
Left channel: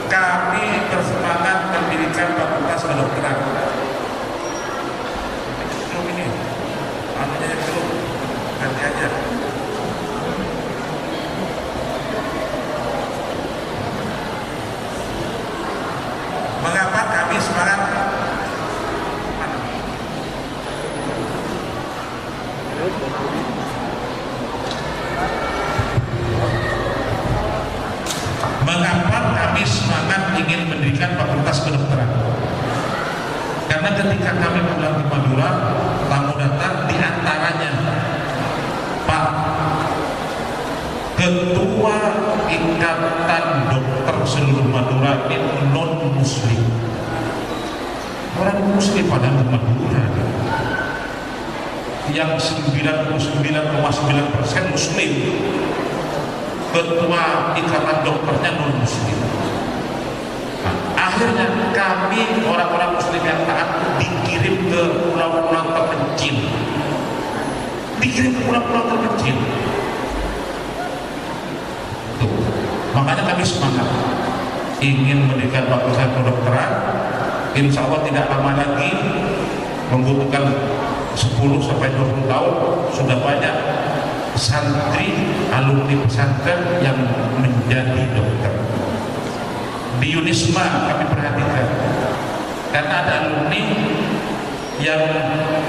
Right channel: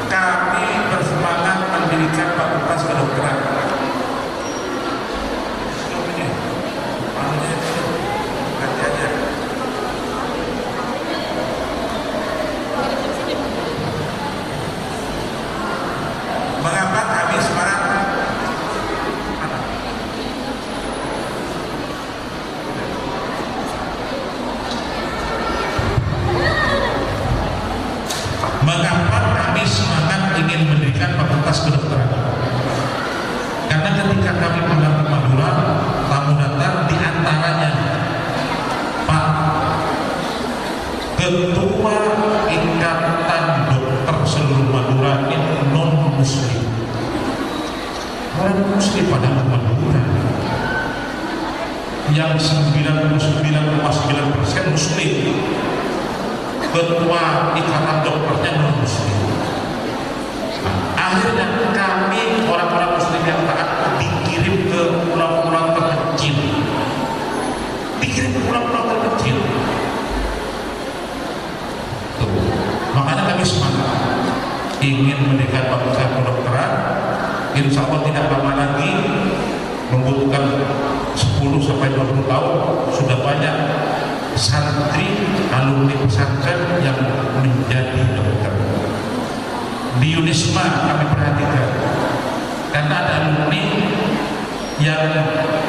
kami bersemangat mendirikan fakultas kedokteran. Ini anunya itu ganti aja. Mengapa kami semangat? Mengapa kami semangat ingin mendirikan fakultas kedokteran? Karena ketika kami pulang ke Madura, tamu datang, di antaranya Pak Ketua Ikatan Dokter seluruh Madura ini non Muslim. Orang Muslim pada Madura yang 99,9% Muslim. Ketua Ikatan Dokternya non Muslim. Nah, akhirnya kami orang-orang Muslim yang taat dikirim ke pulau-pulau terpencil. Tuh. Makanya kami semangat ingin mendirikan fakultas kedokteran. Insya Allah tidak lama lagi, membutuhkan 10-20 tahun, sudah banyak santri alumni pesantren yang menjadi dokter. Di Unisma kami perhatikan, karena ada alumni yang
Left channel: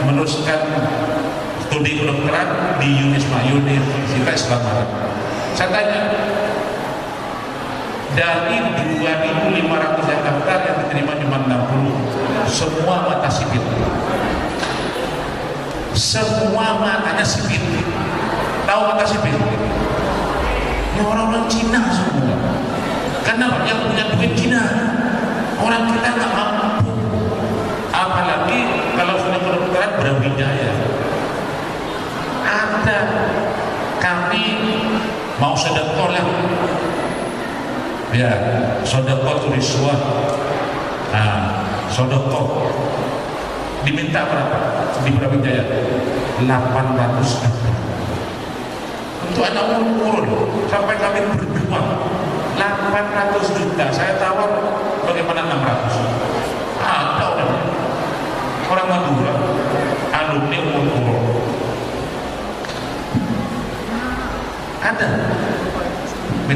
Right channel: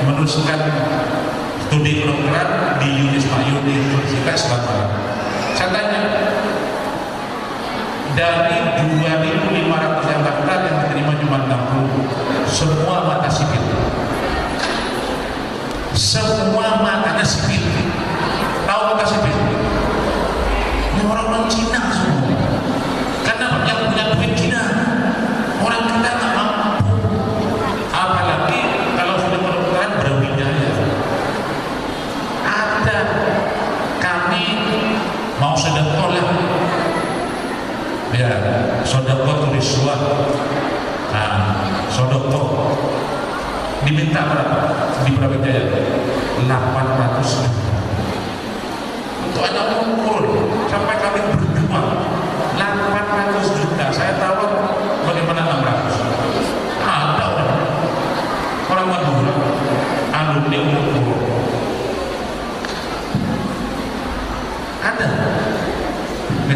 meneruskan studi kedokteran di Unisma, Universitas Islam Malang. Saya tanya, dari 2.500 yang daftar, yang diterima cuma 60, semua mata sipil. Semua matanya sipil. Tahu mata sipil? Ya orang-orang Cina semua. Karena yang punya duit Cina. Orang kita nggak mampu. Apalagi kalau sudah kedokteran Brawijaya. Ada kami mau sedekah lah. Ya, sedekah tuliswa. Nah, sedekah diminta berapa? Di Brawijaya 800 juta. Untuk anak umur sampai kami berjuang 800 juta. Saya tawar bagaimana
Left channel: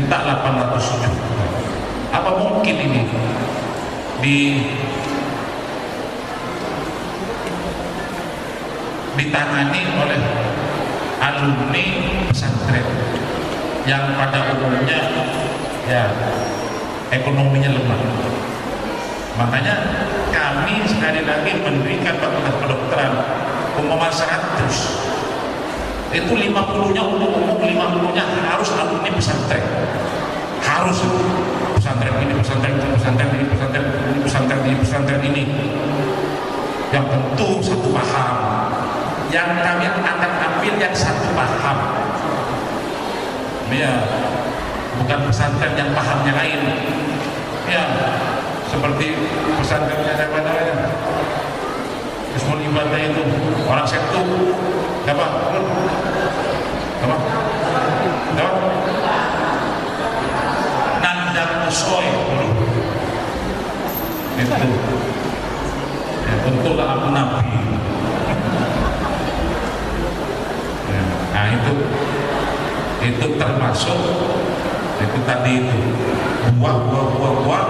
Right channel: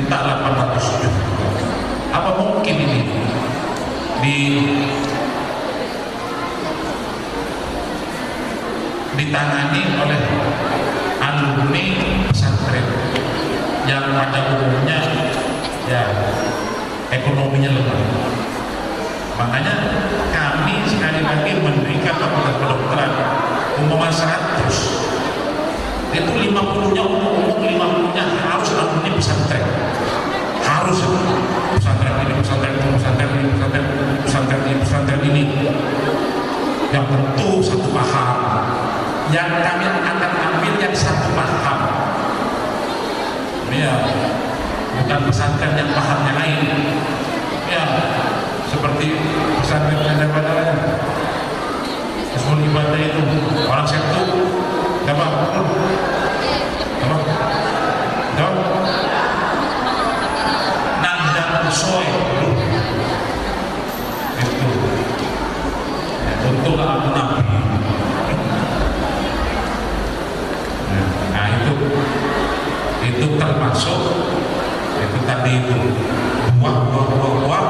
minta 800 juta. Apa mungkin ini ditangani oleh alumni pesantren yang pada umumnya ya ekonominya lemah. Makanya kami sekali lagi mendirikan fakultas kedokteran umpama 100 itu 50-nya umum, 50-nya harus alumni pesantren, harus pesantren ini, pesantren ini, pesantren ini, pesantren ini, pesantren ini, pesantren ini, yang tentu satu paham. Yang kami akan ambil yang satu paham, ya, bukan pesantren yang pahamnya lain, ya, seperti pesantren yang namanya Ismul Ibadah itu orang Setu, apa? Nandang Usoy dulu, itu, ya, untunglah aku Nabi. Nah itu termasuk itu tadi itu buah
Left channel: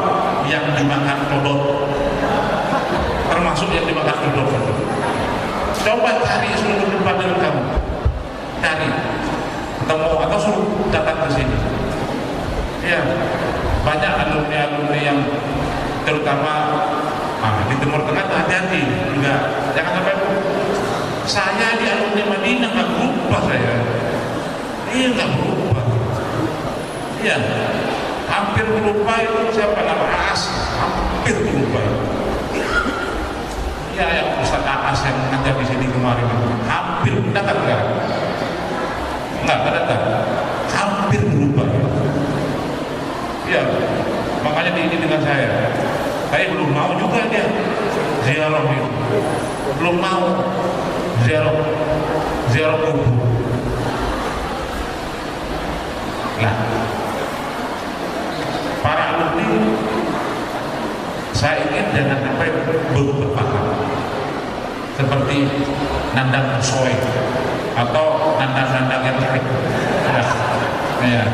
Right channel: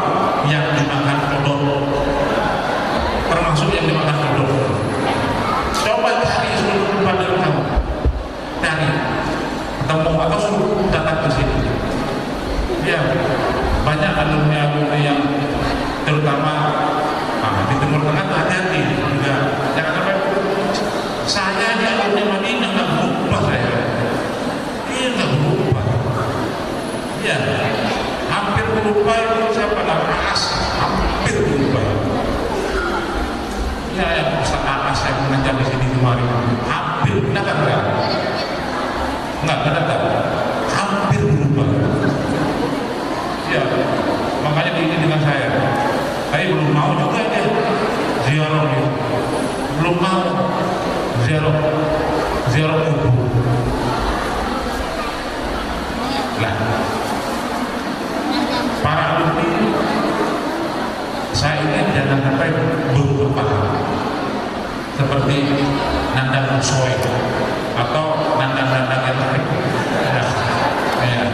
yang dimakan kodok, termasuk yang dimakan kodok. Coba cari seluruh tempat kamu, cari ketemu atau suruh datang ke sini. Ya, banyak alumni yang terutama di Timur Tengah hati-hati juga, jangan sampai saya di alumni Madinah nggak berubah saya. Iya nggak berubah. Iya, hampir berubah itu siapa nama Aas, hampir berubah. Iya yang Ustaz Aas yang mengajar di sini kemarin, hampir datang nggak datang, hampir berubah. Iya, makanya ini dengan saya. Saya belum mau juga dia ziarah itu, belum mau ziarah kubur. Lah, para alumni saya ingin jangan sampai berpaham seperti Nandang Usoy atau nandang-nandang yang lain. Ya,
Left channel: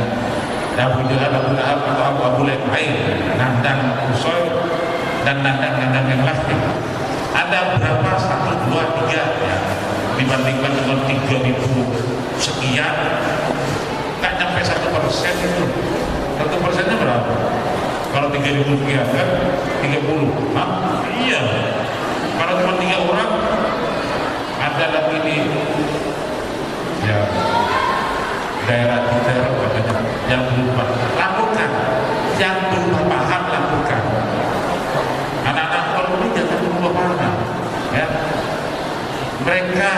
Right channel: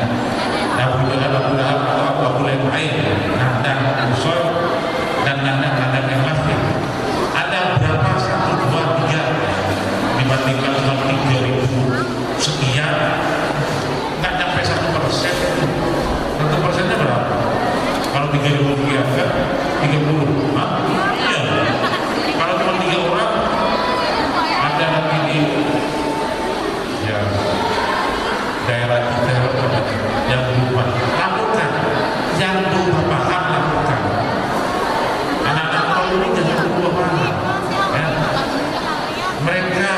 Abu Jahal, Abu Lahab atau Abu Lahab lain, Nandang Usoy dan nandang-nandang yang lain. Ada berapa? 1, 2, 3 dibandingkan dengan 3.000 sekian, nggak nyampe 1% itu. 1%-nya berapa? Kalau 3.000 sekian kan 30. Hah? Iya. Kalau cuma 3 orang, ada lagi di ya daerah kita yang berubah, lakukan. Yang berubah paham, lakukan. Anak-anak kalau ini jangan berubah paham, ya. Mereka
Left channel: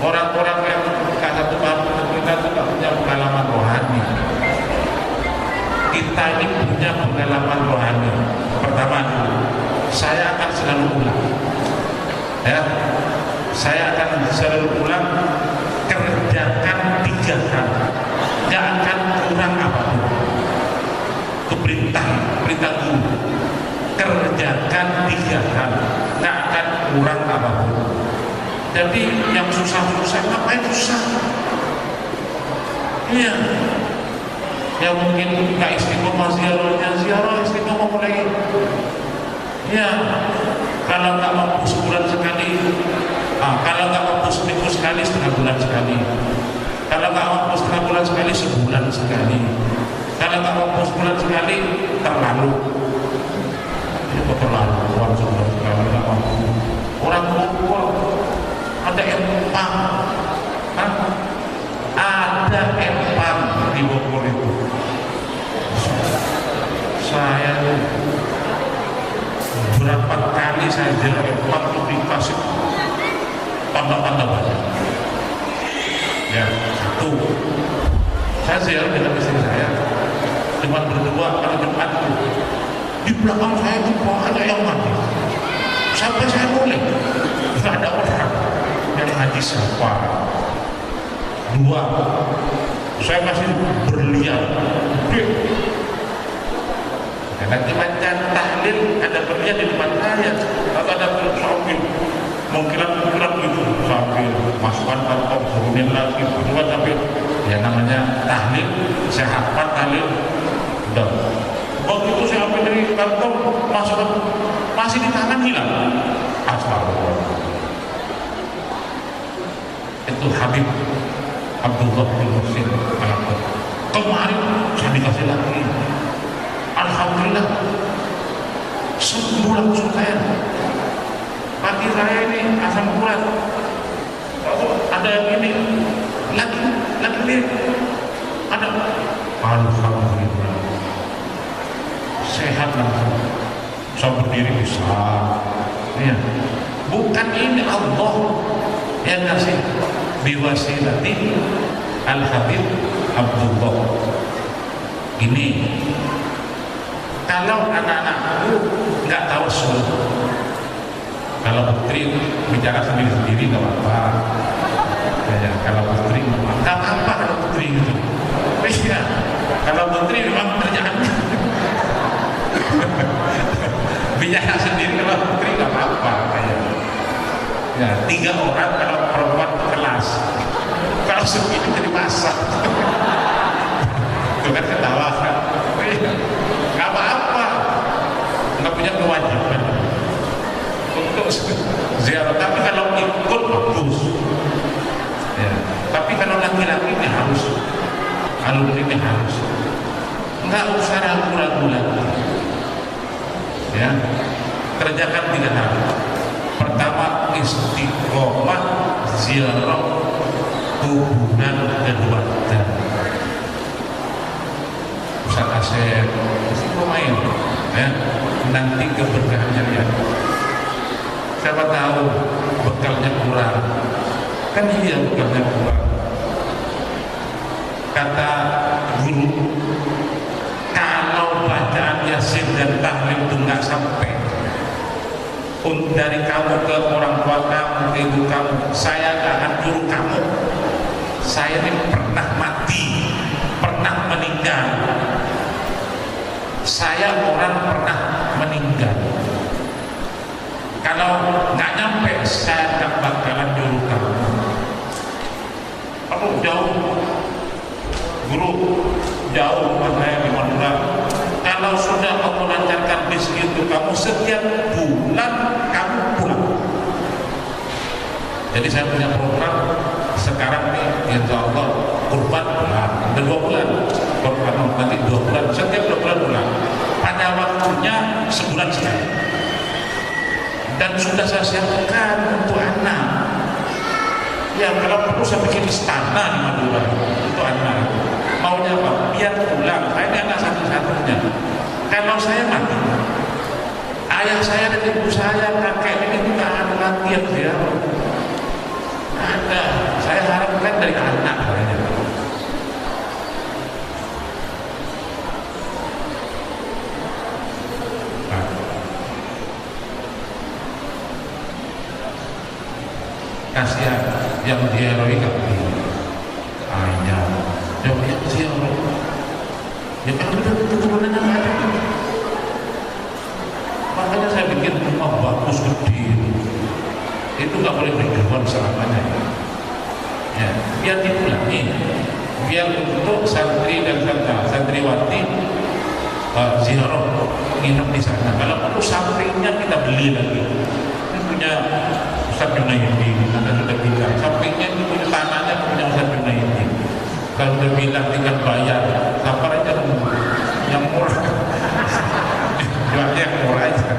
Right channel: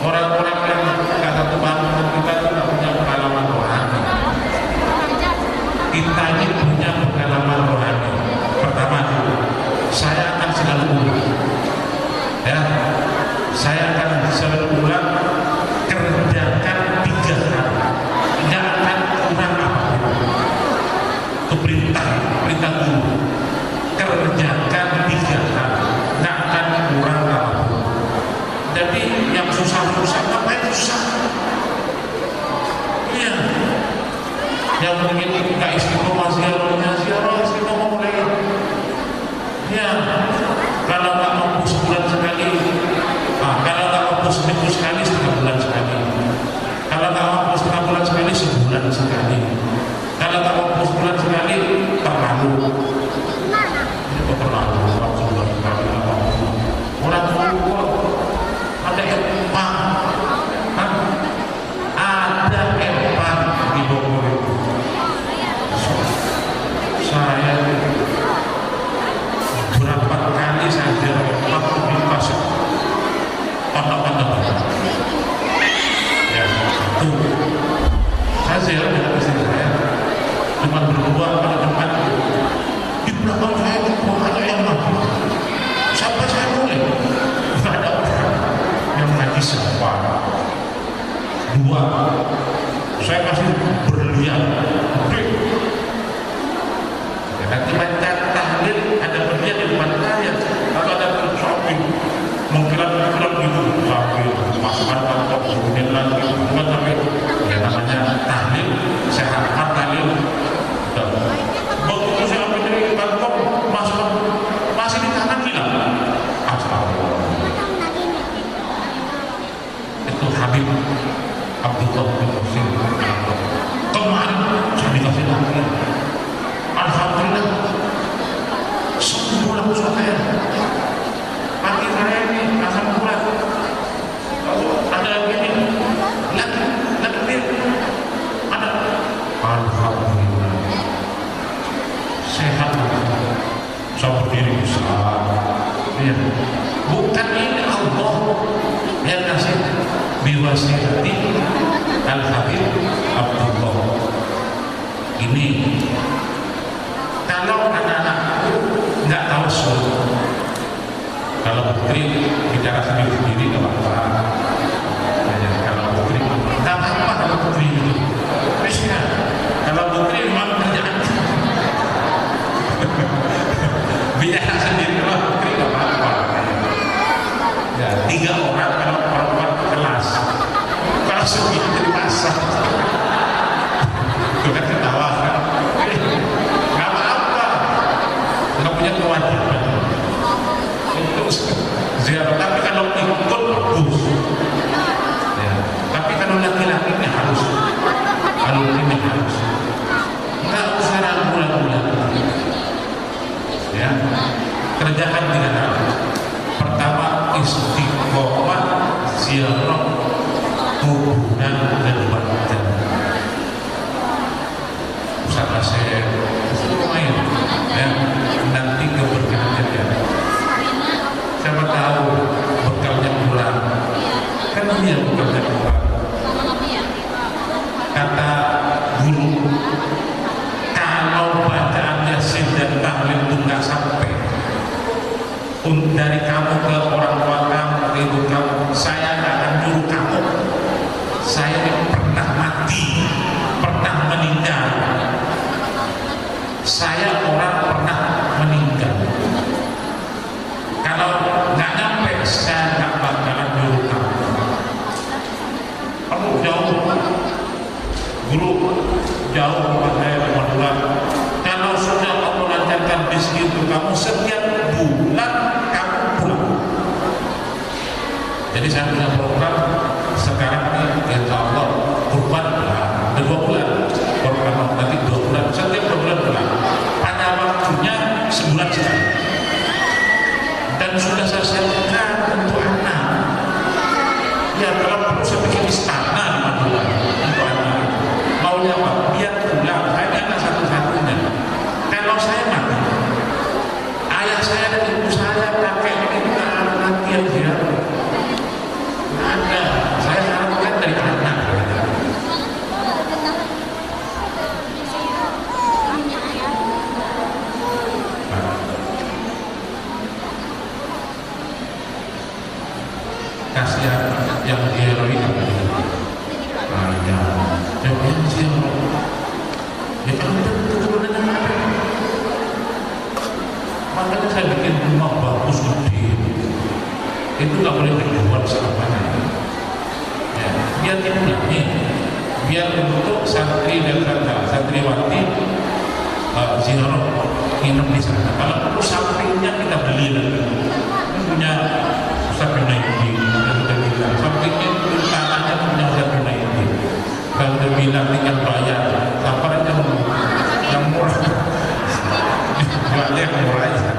orang-orang yang kata Tuhan kita tidak punya pengalaman rohani. Kita ini punya pengalaman rohani. Pertama, saya akan selalu ulang, ya. Saya akan selalu ulang, kerjakan 3 hal, tidak akan kurang apapun. Itu perintah guru. Kerjakan 3 hal, tidak akan kurang apapun. Jadi yang susah-susah, ngapain susah? Iya. Yang mungkin nggak istiqomah ziarah istiqomah mulai. Iya. Kalau nggak mampu sebulan sekali, kalau nggak mampu seminggu sekali, setengah bulan sekali. Kalau nggak mampu setengah bulan sekali, sebulan sekali. Kalau nggak mampu sebulan sekali, terlalu. Ini kok terlalu? Orang sebulan sekali nggak mampu. Orang tua ada empang, ada empang di Bogor itu. Saya berapa kali saya ziarah empang itu dikasih tanda-tanda banyak. Ya, 1. Saya ziarah dengan istri saya, cuma berdua pada Jumat itu. Di belakang saya itu ada yang mati. Sampai saya boleh, nggak ada orang yang mati siapa. 2, saya masih berlian gede. Nanti baca tahlil ada berlian di depan saya, lalu ada sambil mengkilat gitu, sambil masukkan kantong, suruhin lagi, bukan sampai Ya namanya tahlil, saya hafal tahlil. Udah. Begitu saya ambil dari kantong, masih di tangan hilang. Astagfirullah. Itu Habib Abdullah bin Muhsin kemarin saya dikasih lagi. Alhamdulillah sembuh langsung saya. Pagi saya ini asam urat. Lalu ada yang ini lagi ada. Alhamdulillah sehat langsung. Saya berdiri bisa. Ya. Bukan ini Allah yang kasih biwasilati Al-Habib Abdullah. Ini kalau anak-anakku nggak tahu suruh, kalau putri bicara sendiri-sendiri nggak apa-apa. Ya, kalau putri nggak apa-apa kalau putri itu. Ya, kalau putri memang kerjaannya bicara sendiri, kalau putri nggak apa-apa. Ya, 3 orang kalau perempuan kelas, kalau segini jadi masak. Itu kan ketawa kan? Nggak apa-apa, nggak punya kewajiban untuk ziarah. Tapi kalau ikut bagus. Ya. Tapi kalau laki-laki ini harus, ini harus. Nggak usah ragu-ragu lagi. Ya, kerjakan 3 hal. Pertama, istiqomah ziarah kuburan dan keluarga. Ustaz Asep itu lumayan, ya, nanti keberkahannya lihat. Siapa tahu bekalnya kurang, kan dia bekalnya kurang. Kata guru, kalau bacaan Yasin dan tahlil itu nggak sampai dari kamu ke orang tua kamu, ibu kamu, saya nggak akan nyuruh kamu. Saya ini pernah mati, pernah meninggal. Saya orang pernah meninggal. Kalau nggak nyampe, saya nggak bakalan nyuruh kamu. Kamu jauh, guru jauh rumah saya di Madura. Kalau sudah kamu lancarkan rezeki untuk kamu, setiap bulan kamu pulang. Jadi saya punya program sekarang ini, insya Allah kurban pulang, ada 2 bulan. Program nanti 2 bulan, setiap 2 bulan pulang. Pada waktunya sebulan sekali. Dan sudah saya siapkan untuk anak. Ya kalau perlu saya bikin istana di Madura untuk anak. Maunya apa? Biar pulang. Saya ini anak satu-satunya. Kalau saya mati, ayah saya dan ibu saya, kakek ini nggak ada lagi yang ziarah. Nggak ada. Saya harapkan dari anak. Kasihan yang ziarah ini ayah, yang ziarah. Ya kalau kita keturunannya nggak ada. Makanya saya bikin rumah bagus gede. Itu nggak boleh dijual selamanya. Ya, biar dipulangi, biar untuk santri dan santriwati ziarah nginep di sana. Kalau perlu sampingnya kita beli lagi. Ini punya Ustaz Junaidi, kita sudah bilang. Sampingnya itu tanahnya punya Ustaz Junaidi. Saya sudah bilang tinggal bayar. Sabar aja yang murah. Jualnya yang murah aja.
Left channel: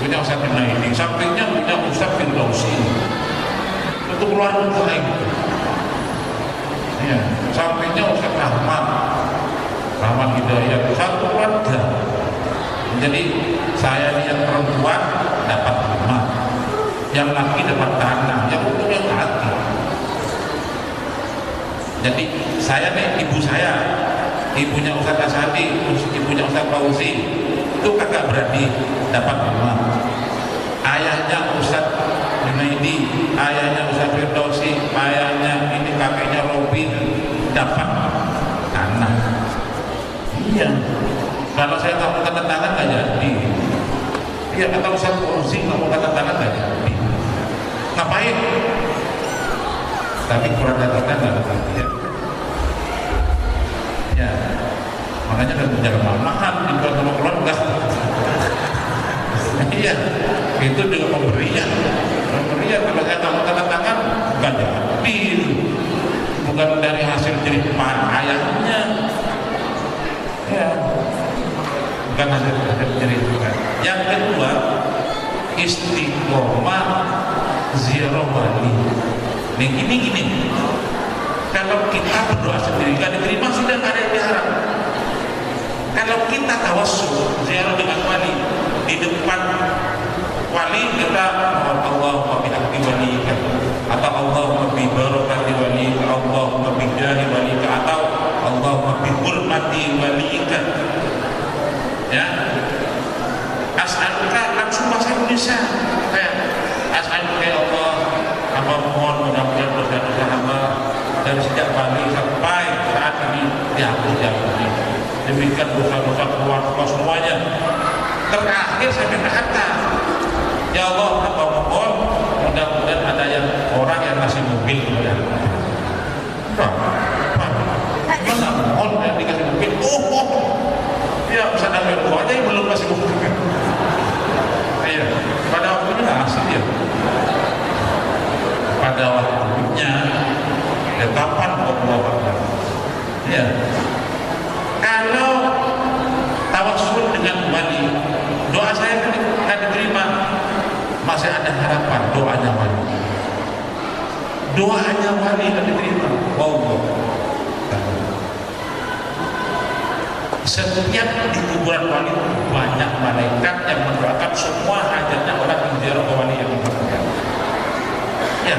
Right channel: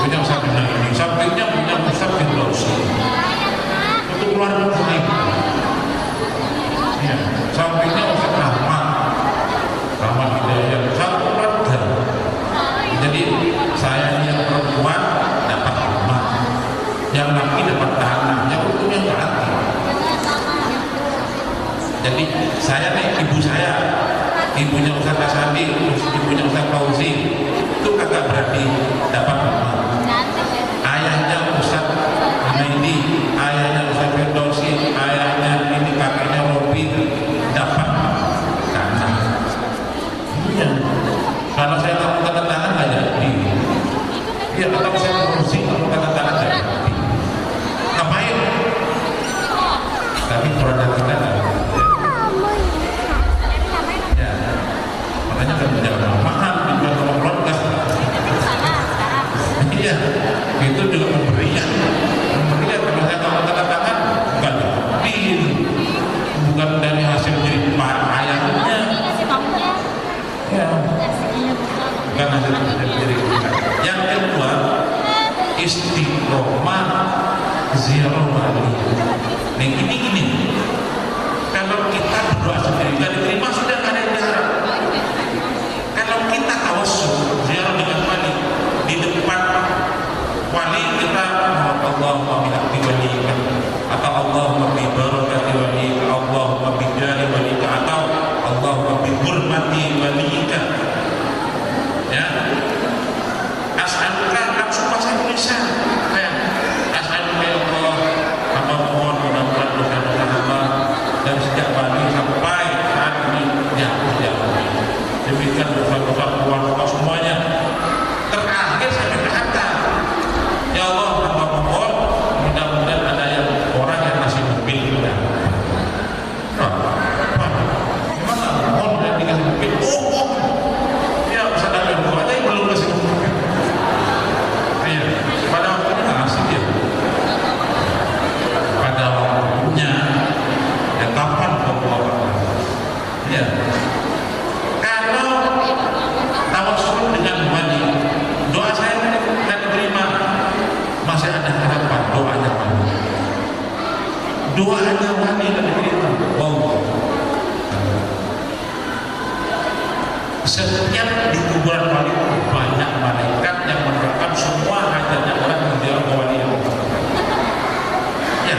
Punya Ustaz Junaidi. Sampingnya punya Ustaz Firdausi. Untuk keluarga lain. Ya, sampingnya Ustaz Rahmat Hidayat, satu keluarga. Jadi saya ini yang perempuan dapat rumah, yang laki dapat tanah, yang untungnya hati. Jadi saya nih, ibu saya, ibunya Ustaz Asadi, ibunya Ustaz Fauzi, itu kakak berarti dapat rumah. Ayahnya Ustaz Junaidi, ayahnya Ustaz Firdausi, ayahnya ini kakeknya Robi dapat tanah. Iya. Kalau saya kamu tanda tangan nggak jadi. Iya, atau saya kursi kamu tanda tangan nggak jadi. Ngapain? Tapi keluarga kita nggak begitu ya. Ya, makanya kan jangan mahal dijual sama keluarga. Iya, itu juga pemberian. Kalau saya tahu tanda tangan bukan jadi, bukan dari hasil jerih ayahnya. Ya, bukan hasil jerih. Yang kedua, istiqomah ziarah wali. Nah, gini. Kalau kita berdoa sendiri nggak diterima, sudah nggak ada yang diharap. Kalau kita tawassul ziarah dengan wali, di depan wali kita Allahumma bihaqqi walika, atau Allahumma bi barakati walika, Allahumma bi jahi walika, atau Allahumma bi hurmati walika. Ya, as'aluka, langsung bahasa Indonesia. As'aluka ya Allah, hamba mohon mudah-mudahan dosa-dosa hamba dari sejak Bali sampai saat ini dihapus. Demikian dosa-dosa keluarga semuanya. Terakhir saya berkata, ya Allah, hamba mohon mudah-mudahan ada yang orang yang ngasih mobil kepada mana mohon ya dikasih mobil. Ya bisa dengar doa aja yang belum kasih mobil. Iya, pada waktunya asik ya. Pada waktunya ya kapan Allah. Ya, kalau tawassul dengan wali, doa saya tidak diterima, masih ada harapan. Doanya wali tidak diterima. Wow. Setiap di kuburan wali banyak malaikat yang mendoakan semua hajatnya orang yang ziarah ke wali yang bersangkutan. Ya,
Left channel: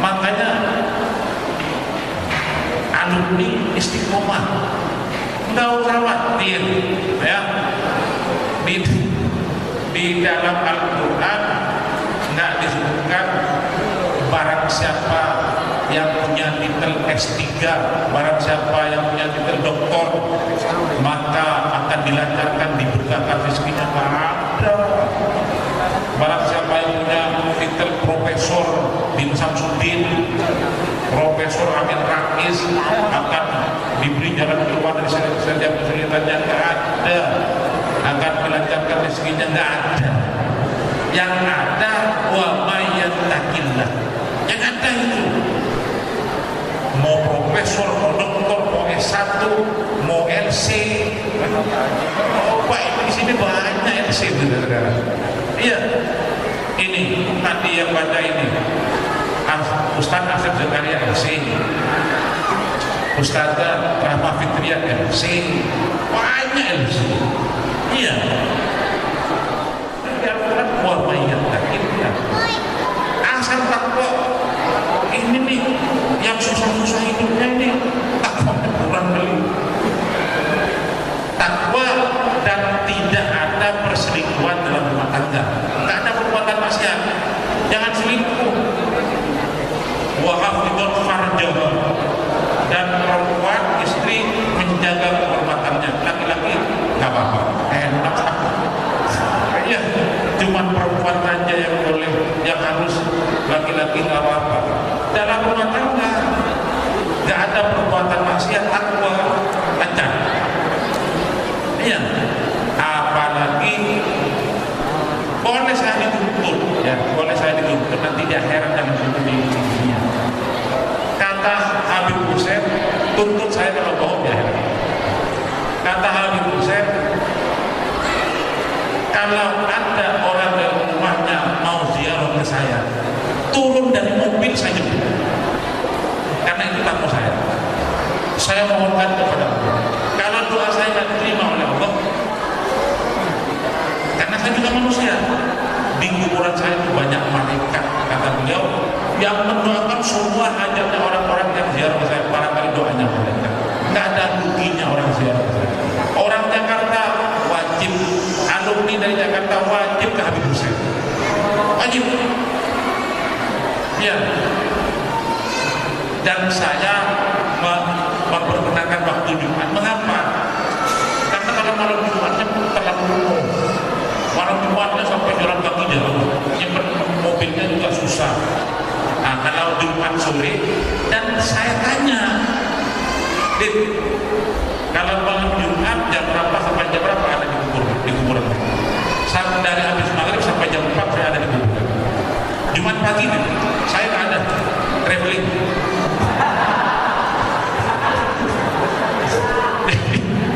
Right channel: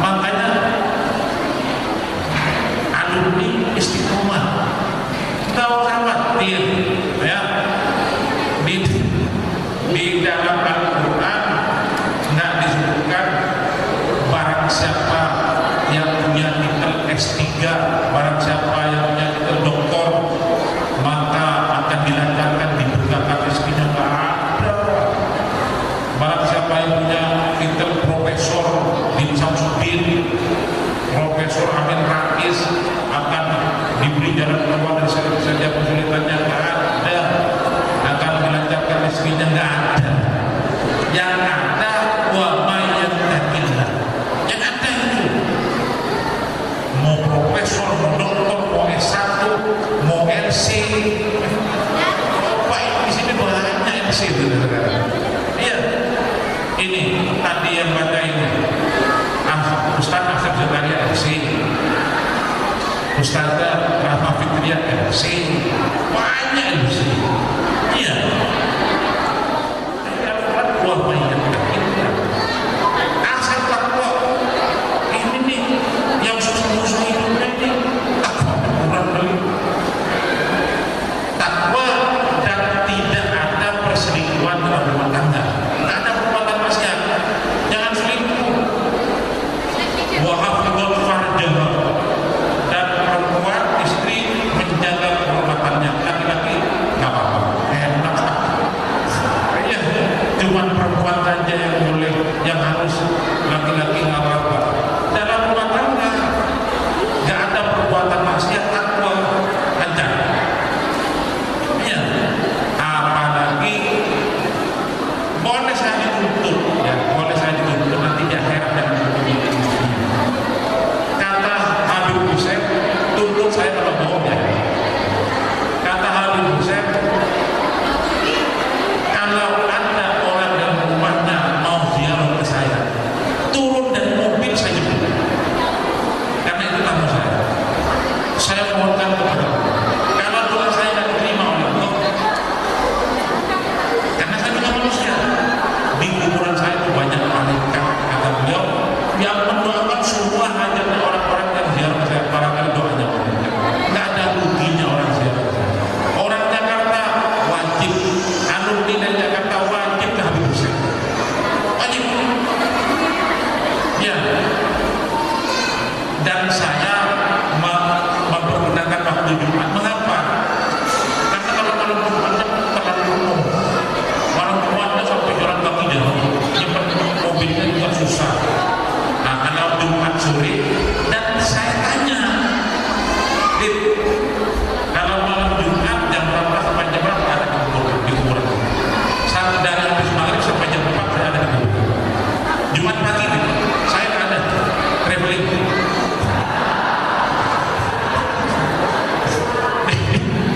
makanya alumni istiqomah nggak usah khawatir ya. Di dalam Al-Quran nggak disebutkan barang siapa yang punya titel S3, barang siapa yang punya titel doktor maka akan dilancarkan, diberkakan rezekinya. Nggak ada. Barang siapa yang punya titel Profesor bin Samsudin, Profesor Amin Rais akan diberi jalan keluar dari setiap kesulitannya. Nggak ada. Akan dilancarkan rezekinya. Nggak ada. Yang ada wa may yattaqillah. Yang ada itu mau profesor, mau doktor, mau S1, mau LC. Pak, di sini banyak LC itu saudara. Iya. Ini tadi yang baca ini Ustaz Asep Zakaria LC, Ustazah Rahma Fitria LC, banyak LC. Iya. Wa may yattaqillah. Asal takwa. Ini nih yang susah-susah hidupnya ini takwa kurang beli. Takwa dan tidak ada perselingkuhan dalam rumah tangga. Tidak ada perbuatan maksiat. Jangan selingkuh. Wa hafidhul farjaha. Dan perempuan istri menjaga kehormatannya. Laki-laki nggak apa-apa. Enak. Ya, cuman perempuan saja yang boleh, yang harus, laki-laki nggak apa-apa. Dalam rumah tangga nggak ada perbuatan maksiat, takwa lancar. Iya, apalagi boleh saya dituntut, ya boleh saya dituntut nanti di akhirat jangan menuntut di dunia. Kata Habib Hussein, tuntut saya kalau bohong ya. Kata Habib Hussein, kalau ada orang dalam rumahnya mau ziarah ke saya, turun dari mobil saya jemput, karena itu tamu saya. Saya mohonkan kepada Allah, kalau doa saya tidak diterima oleh Allah, karena saya juga manusia, di kuburan saya itu banyak malaikat, kata beliau, yang mendoakan semua hajatnya orang-orang yang ziarah ke saya. Barangkali doanya malaikat, nggak ada ruginya orang ziarah ke saya. Orang Jakarta wajib, alumni dari Jakarta wajib ke Habib Hussein, wajib. Ya. Dan saya mempergunakan waktu Jumat. Mengapa? Karena kalau malam Jumatnya terlalu penuh. Malam Jumatnya sampai jalan kaki jauh. Nyimpen mobilnya juga susah. Nah, kalau Jumat sore dan saya tanya, Dit, kalau malam Jumat jam berapa sampai jam berapa ada di kuburan? Dari habis maghrib sampai jam 4 saya ada di kuburan. Jumat pagi Dit, saya nggak ada traveling.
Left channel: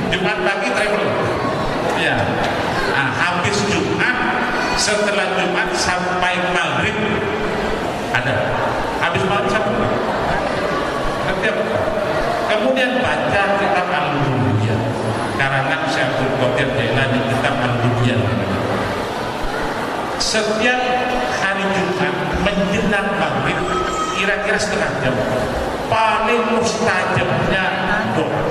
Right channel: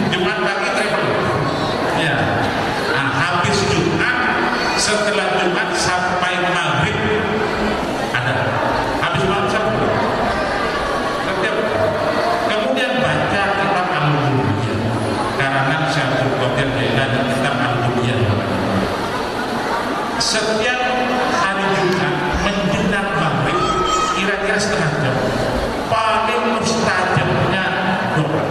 Jumat pagi traveling. Ya, nah, habis Jumat, setelah Jumat sampai maghrib ada. Habis maghrib sampai setiap. Kemudian baca kitab Al-Bunyah karangan Syekh Abdul Qadir Jailani, kitab Al-Bunyah. Setiap hari Jumat menjelang maghrib kira-kira setengah jam paling mustajabnya doa,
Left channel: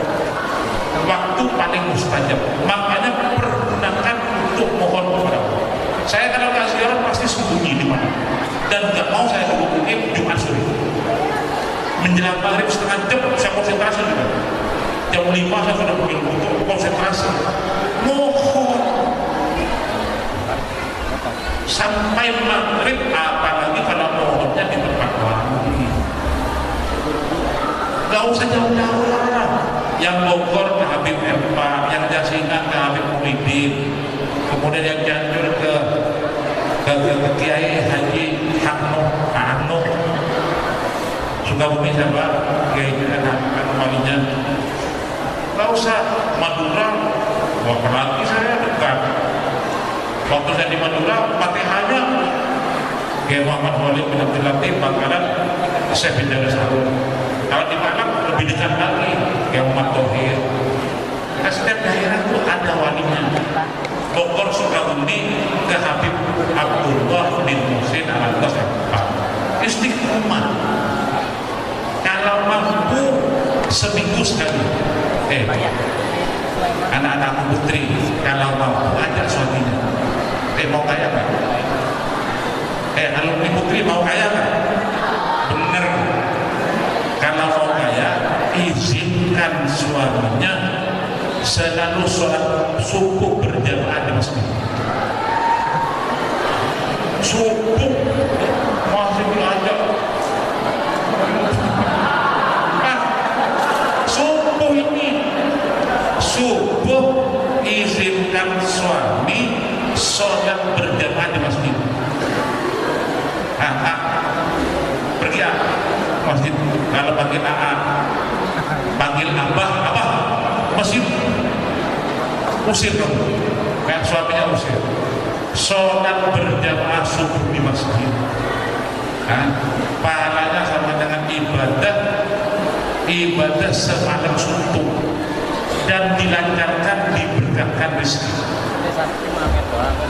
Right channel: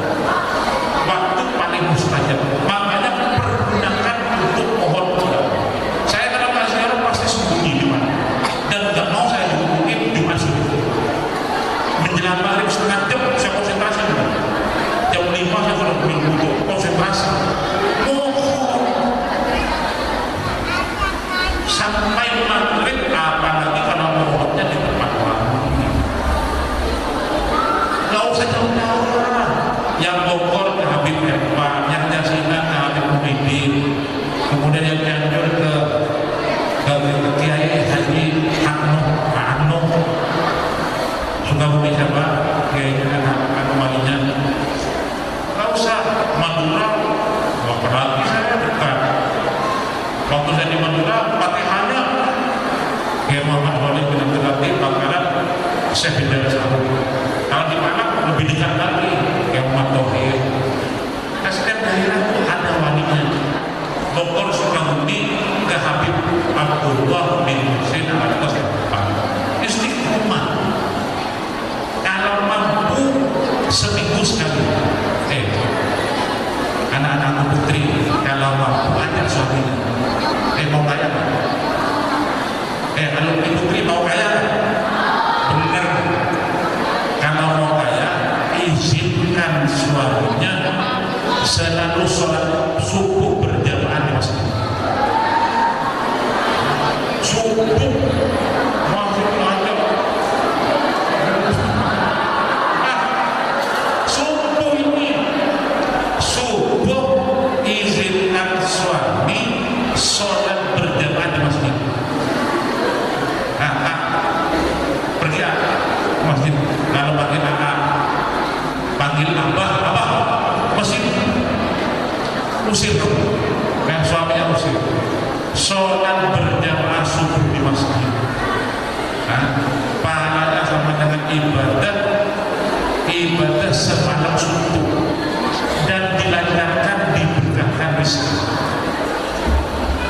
waktu paling mustajab, makanya pergunakan untuk mohon kepada Allah. Saya kalau kasih orang pasti sembunyi di mana, dan nggak mau saya hubungin Jumat sore. Menjelang maghrib setengah jam saya konsentrasi juga. Jam 5 saya sudah butuh konsentrasi. Mohon sampai maghrib, apalagi kalau mohonnya di tempat wangi. Gak usah jauh-jauh lah. Yang Bogor ke Habib Erpa, yang Jasina ke Habib Muhyiddin, kemudian yang Cianjur ke Kiai Haji Hakno, Sukabumi siapa? Kiai walinya. Gak usah Madura, apalagi saya dekat. Waktu saya di Madura, Fatihahnya Kiai Muhammad Wali bin Abdul Latif, Bangkalan, Syekh bin Darus Harun. Kalau di Malang lebih dekat lagi, Kiai Muhammad Tohir. Nah, setiap daerah itu ada walinya. Bogor Sukabumi ke Habib Abdullah bin Muhsin Al-Qasifah. Istiqomah. Kalau mampu seminggu sekali. Anak-anakku putri, kalau mampu ajak suaminya. Mau kaya nggak? Alumni putri mau kaya nggak? Bener. Kalau mau kaya, izinkan suaminya selalu sholat subuh berjamaah di masjid. Subuh masih belajar. Subuh izinkan suami sholat berjamaah di masjid. Pergi masjid. Kalau panggil panggil abah, masjid. Usir kamu, kan suaminya usir. Sholat berjamaah subuh di masjid. Pahalanya sama dengan ibadah semalam subuh. Dan dilancarkan, diberkahkan rezeki.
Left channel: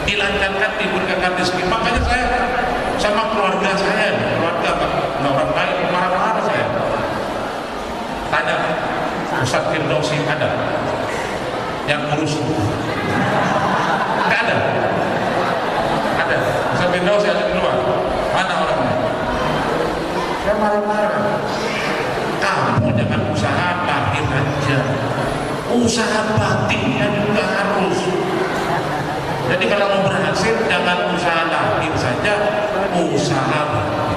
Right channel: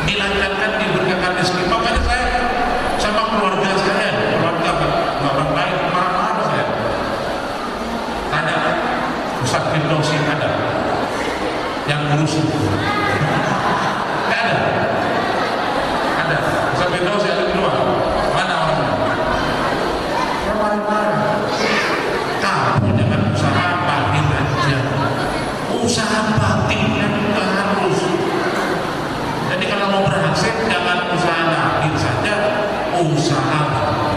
Dilancarkan, diberkahkan rezeki. Makanya saya sama keluarga orang lain marah-marah saya. Tanya Ustaz Firdausi ada yang urus? Nggak ada. Ada Ustaz Firdausi ada di luar. Mana orangnya? Saya marah-marah. Kamu jangan usaha batin aja. Usaha batinnya juga harus. Jadi kalau mau berhasil jangan usaha lahir saja, usaha batin.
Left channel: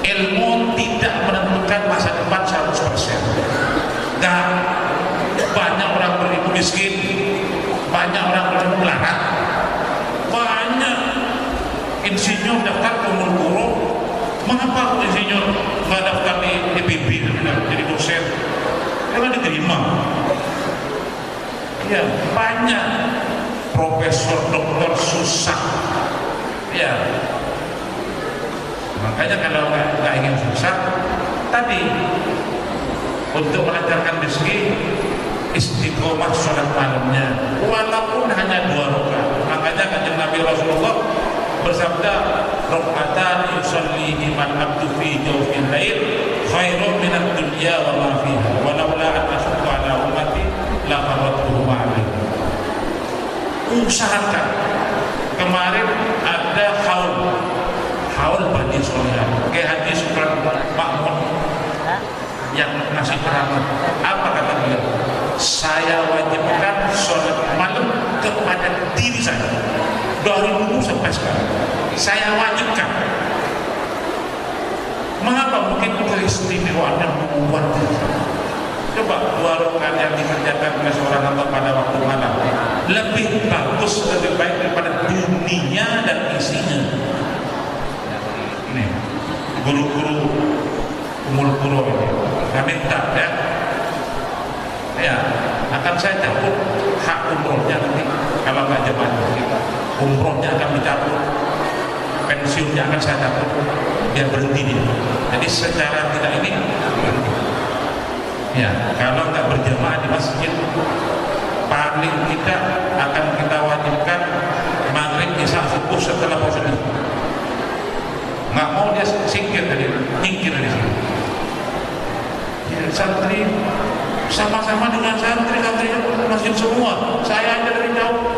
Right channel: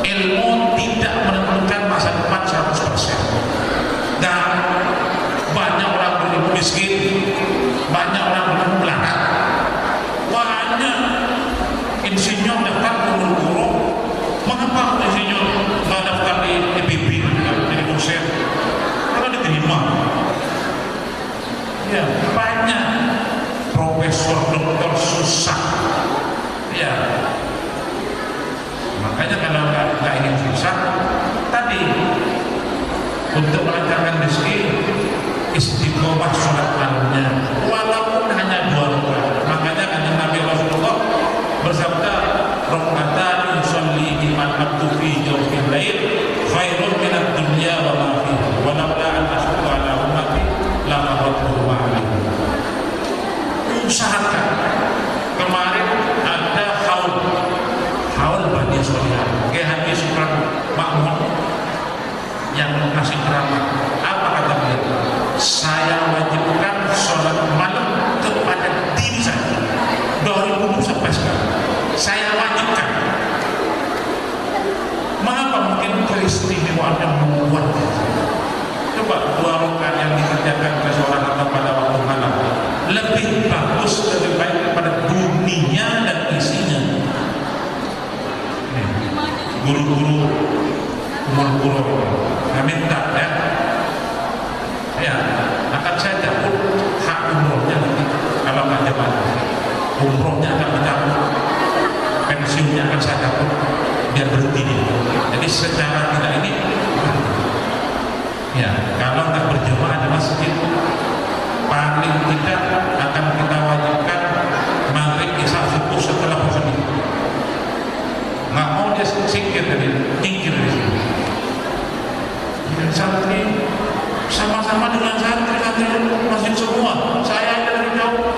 Ilmu tidak menentukan masa depan 100%. Dan banyak orang berilmu miskin, banyak orang berilmu melarat, banyak insinyur daftar ke guru. Mengapa insinyur nggak daftar di EPB jadi dosen? Karena diterima. Ya, banyak profesor, doktor susah. Ya, makanya kalau nggak ingin susah, tadi untuk melancarkan rezeki, istiqomah sholat malamnya, walaupun hanya 2 rakaat. Makanya kanjeng Nabi Rasulullah bersabda, "Rakaatan yusallihi man abdu fi jawfil lail khairun minad dunya wa ma fiha wa laula an ashqa ala ummati la faratuhu ma'alim." Usahakan. Kemarin ada haul Bani Solihan, Kiai Haji Supran Makmun yang ngasih ceramah. Apa kata beliau? Saya wajibkan sholat malam kepada diri saya dari dulu sampai sekarang. Saya wajibkan. keistimewaannya luar biasa. Coba 2 rakaat yang dikerjakan oleh seorang hamba pada waktu malam lebih bagus, lebih baik daripada dunia dan isinya. Ini guru-guru umur kuro ini, saya minta ya, akan saya cabut hak umrohnya nanti kalau nggak jemaah nanti umrohnya akan dicabut, pensiunnya akan saya cabut biar berhenti dia. Jadi secara tidak ini berhenti. Ya, kalau nggak berjemaah di masjid, paling tidak akan kita wajibkan maghrib, isya, subuh setelah posisi. Nggak mau dia singkir dari sini. Ya, santri sama-sama dengan santri masjid semua. Saya aja dari jauh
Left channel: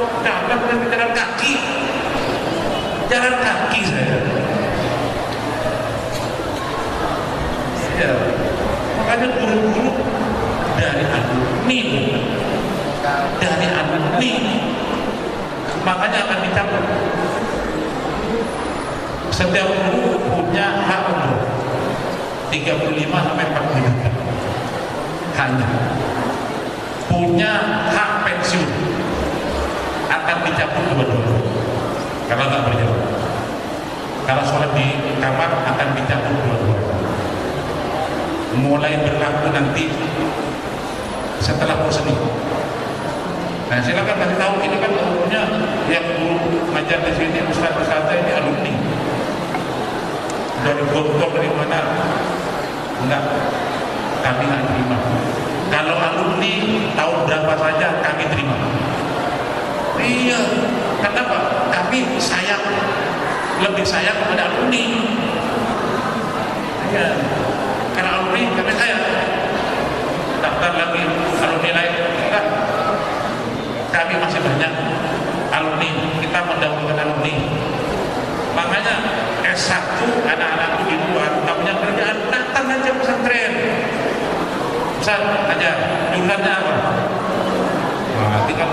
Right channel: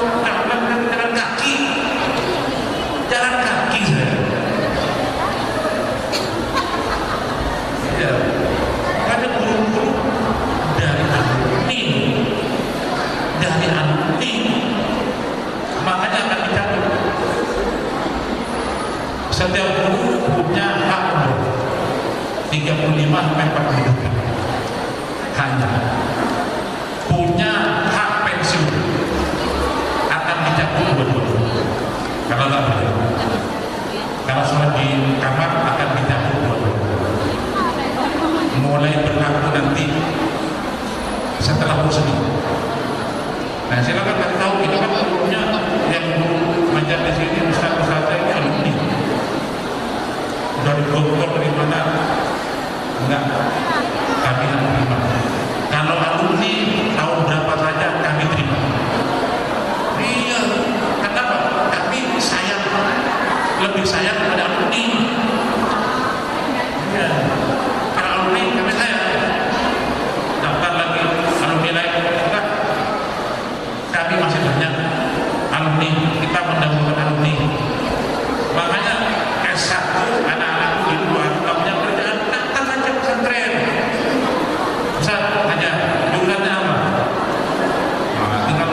jalan kaki saya. Ya, makanya guru-guru dari alumni, makanya akan dicabut. Setiap guru punya hak umroh 35 sampai 40 juta. Hanya punya hak pensiun akan dicabut dua-duanya karena nggak berjamaah. Kalau sholat di kamar akan dicabut dua-duanya. Mulai berlaku nanti setelah muslim. Nah, silakan kasih tahu, ini kan umumnya yang guru ngajar di sini, ustaz-ustaznya ini alumni dari dokter dari mana, enggak, kami nggak terima. Kalau alumni tahun berapa saja kami terima. Iya, kenapa? Kami sayang, lebih sayang kepada alumni. Iya, karena alumni kami sayang. Daftar lagi alumni lain enggak. Kami masih banyak alumni, kita mendahulukan alumni. Makanya S1 anak-anakku di luar nggak punya kerjaan, datang aja pesantren. Ustaz, aja jurusannya apa? Nah, tinggal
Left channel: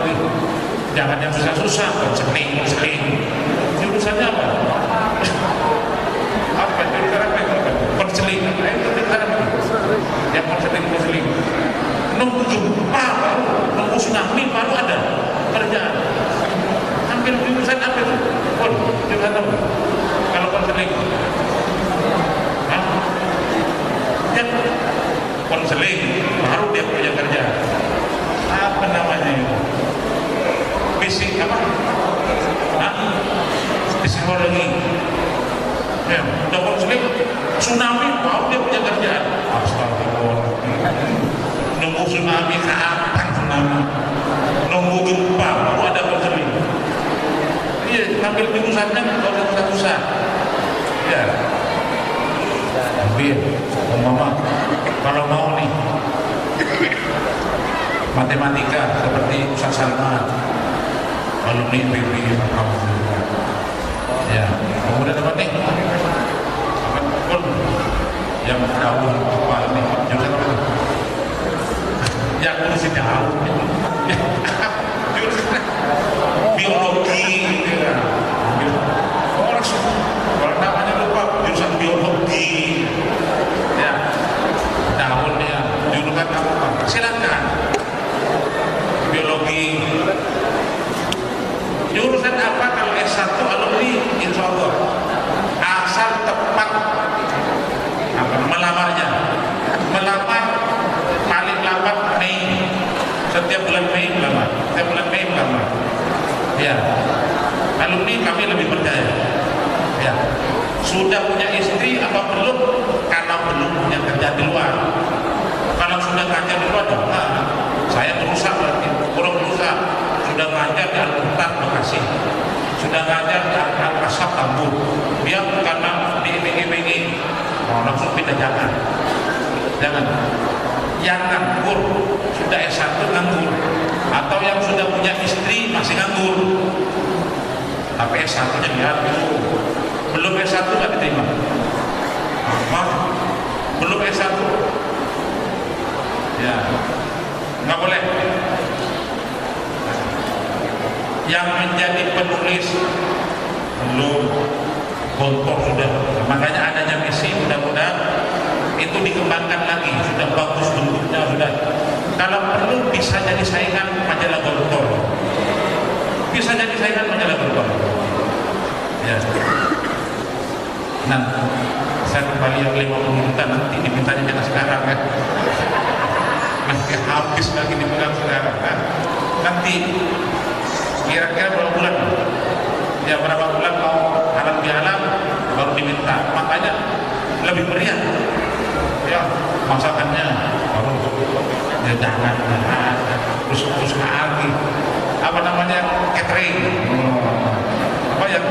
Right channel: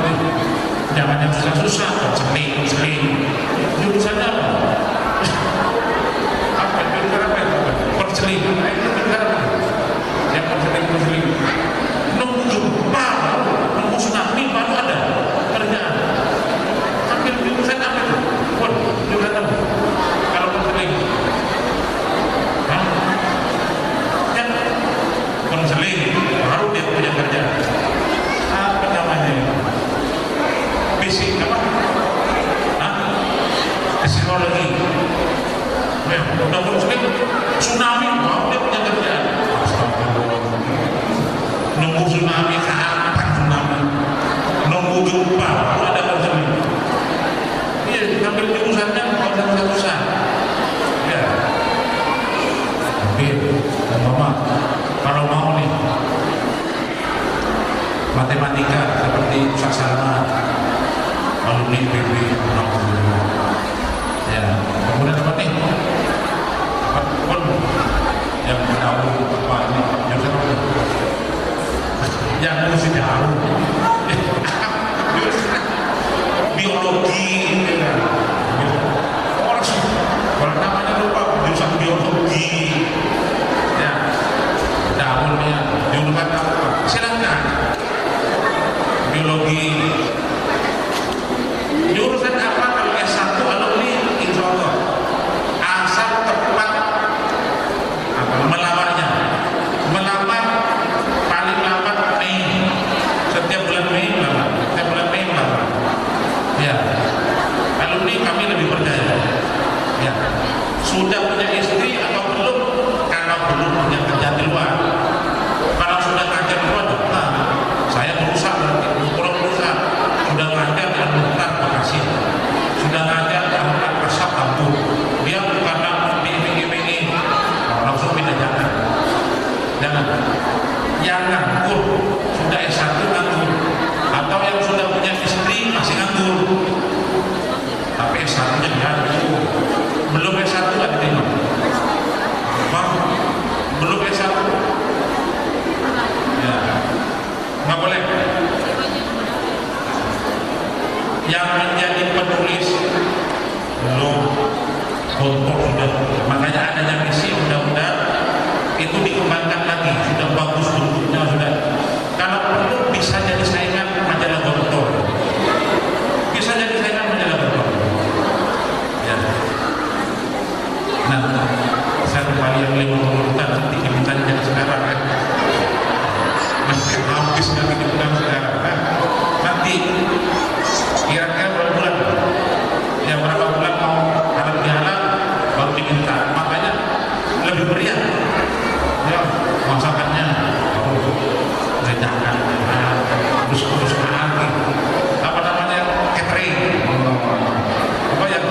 jangan yang susah-susah, konseling. Jurusannya apa? Apa jurusan apa itu? Konseling. Itu jurusan apa? Ya konseling. Nunggu gempa baru, nunggu tsunami baru ada kerjaan. Hampir jurusan apa itu? Jurusan apa? Kalau konseling, ya konseling baru dia punya kerjaan. Apa namanya itu? Fisik apa? Psikologi. Ya, udah konseling, tsunami baru dia punya kerjaan. Astagfirullah. Nunggu tsunami, kapan tsunami? Nunggu gempa baru ada konseling. Iya, ngambil jurusannya kalau susah-susah. Ya. Ambil, mama, kalau mau nih matematika seperti Ustaz Salman, alumni PB, alhamdulillah. Ya, kemudian apa nih? Apa pun yang tahu apa ini? Yang apa itu? Yang harus tahu. Biologi, ya. Orang namanya lupa jurusan biologi. Ya, tahun ya, jurusan apa? Silakan. Biologi. Jurusan apa kalau S1 alumni? Insya Allah. Asal tepat apa? Melamarnya. Melamar paling lambat Mei. Setiap bulan Mei melamar. Ya, alumni kami lebih percaya. Ya, sudah punya istri apa belum? Karena belum punya kerja di luar. Kalau sudah kerja di luar, saya merusak berarti, kurang merusak. Sudah ngajar di Al-Muhtar Bekasi, sudah ngajar di Al-Asab Tambun. Dia karena diiming-imingi, langsung pindah jangan. Yang nganggur sudah S1 nganggur, atau yang sudah punya istri masih nganggur, tapi S1 nya diambil, belum S1 nggak diterima. Apa? Belum S1? Ya, nggak boleh. Yang menjadi penulis belum, bontor sudah. Makanya adanya misi, mudah-mudahan itu dikembangkan lagi, sudah bagus bentuknya, sudah. Kalau perlu bisa jadi saingan majalah Gontor, bisa jadi saingan majalah Gontor. Ya. Nah, saya kembali yang 50 juta nanti dimintanya jangan sekarang ya. Nanti habis lagi dipegang sekarang. Nah, nanti kira-kira berapa bulan? Ya berapa bulan mau halal bihalal baru diminta. Makanya lebih meriah. Ya masakannya harus jangan terus lagi. Apa namanya catering? Apa yang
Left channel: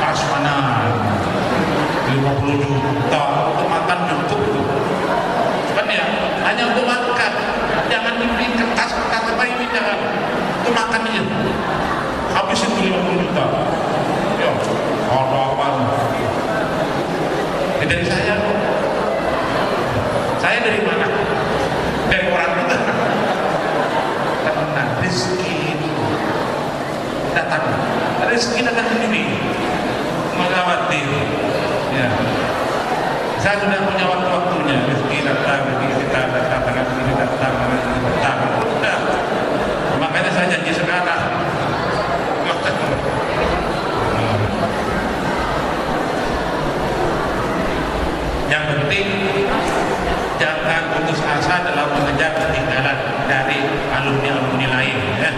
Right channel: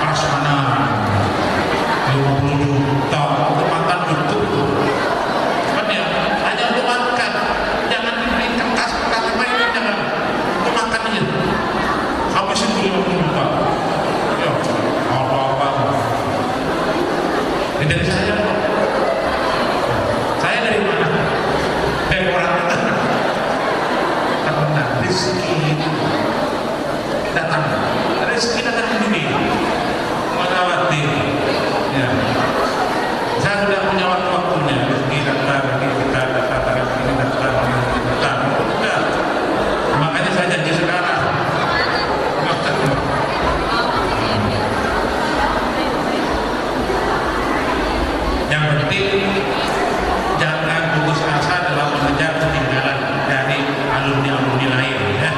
prasmanan 50 juta untuk makan cukup kan ya, hanya untuk makan, jangan dibeli kertas apa ini, jangan untuk makan aja habis itu 50 juta ya apa ini dari saya dari mana? Dari orang kita karena rezeki datang sendiri nggak khawatir ya. Saya sudah punya waktu-waktunya, rezeki datang, kita datang, ini datang, udah. Makanya saya janji sekarang. Yang penting jangan putus asa dalam mengejar ketinggalan dari alumni-alumni lain ya.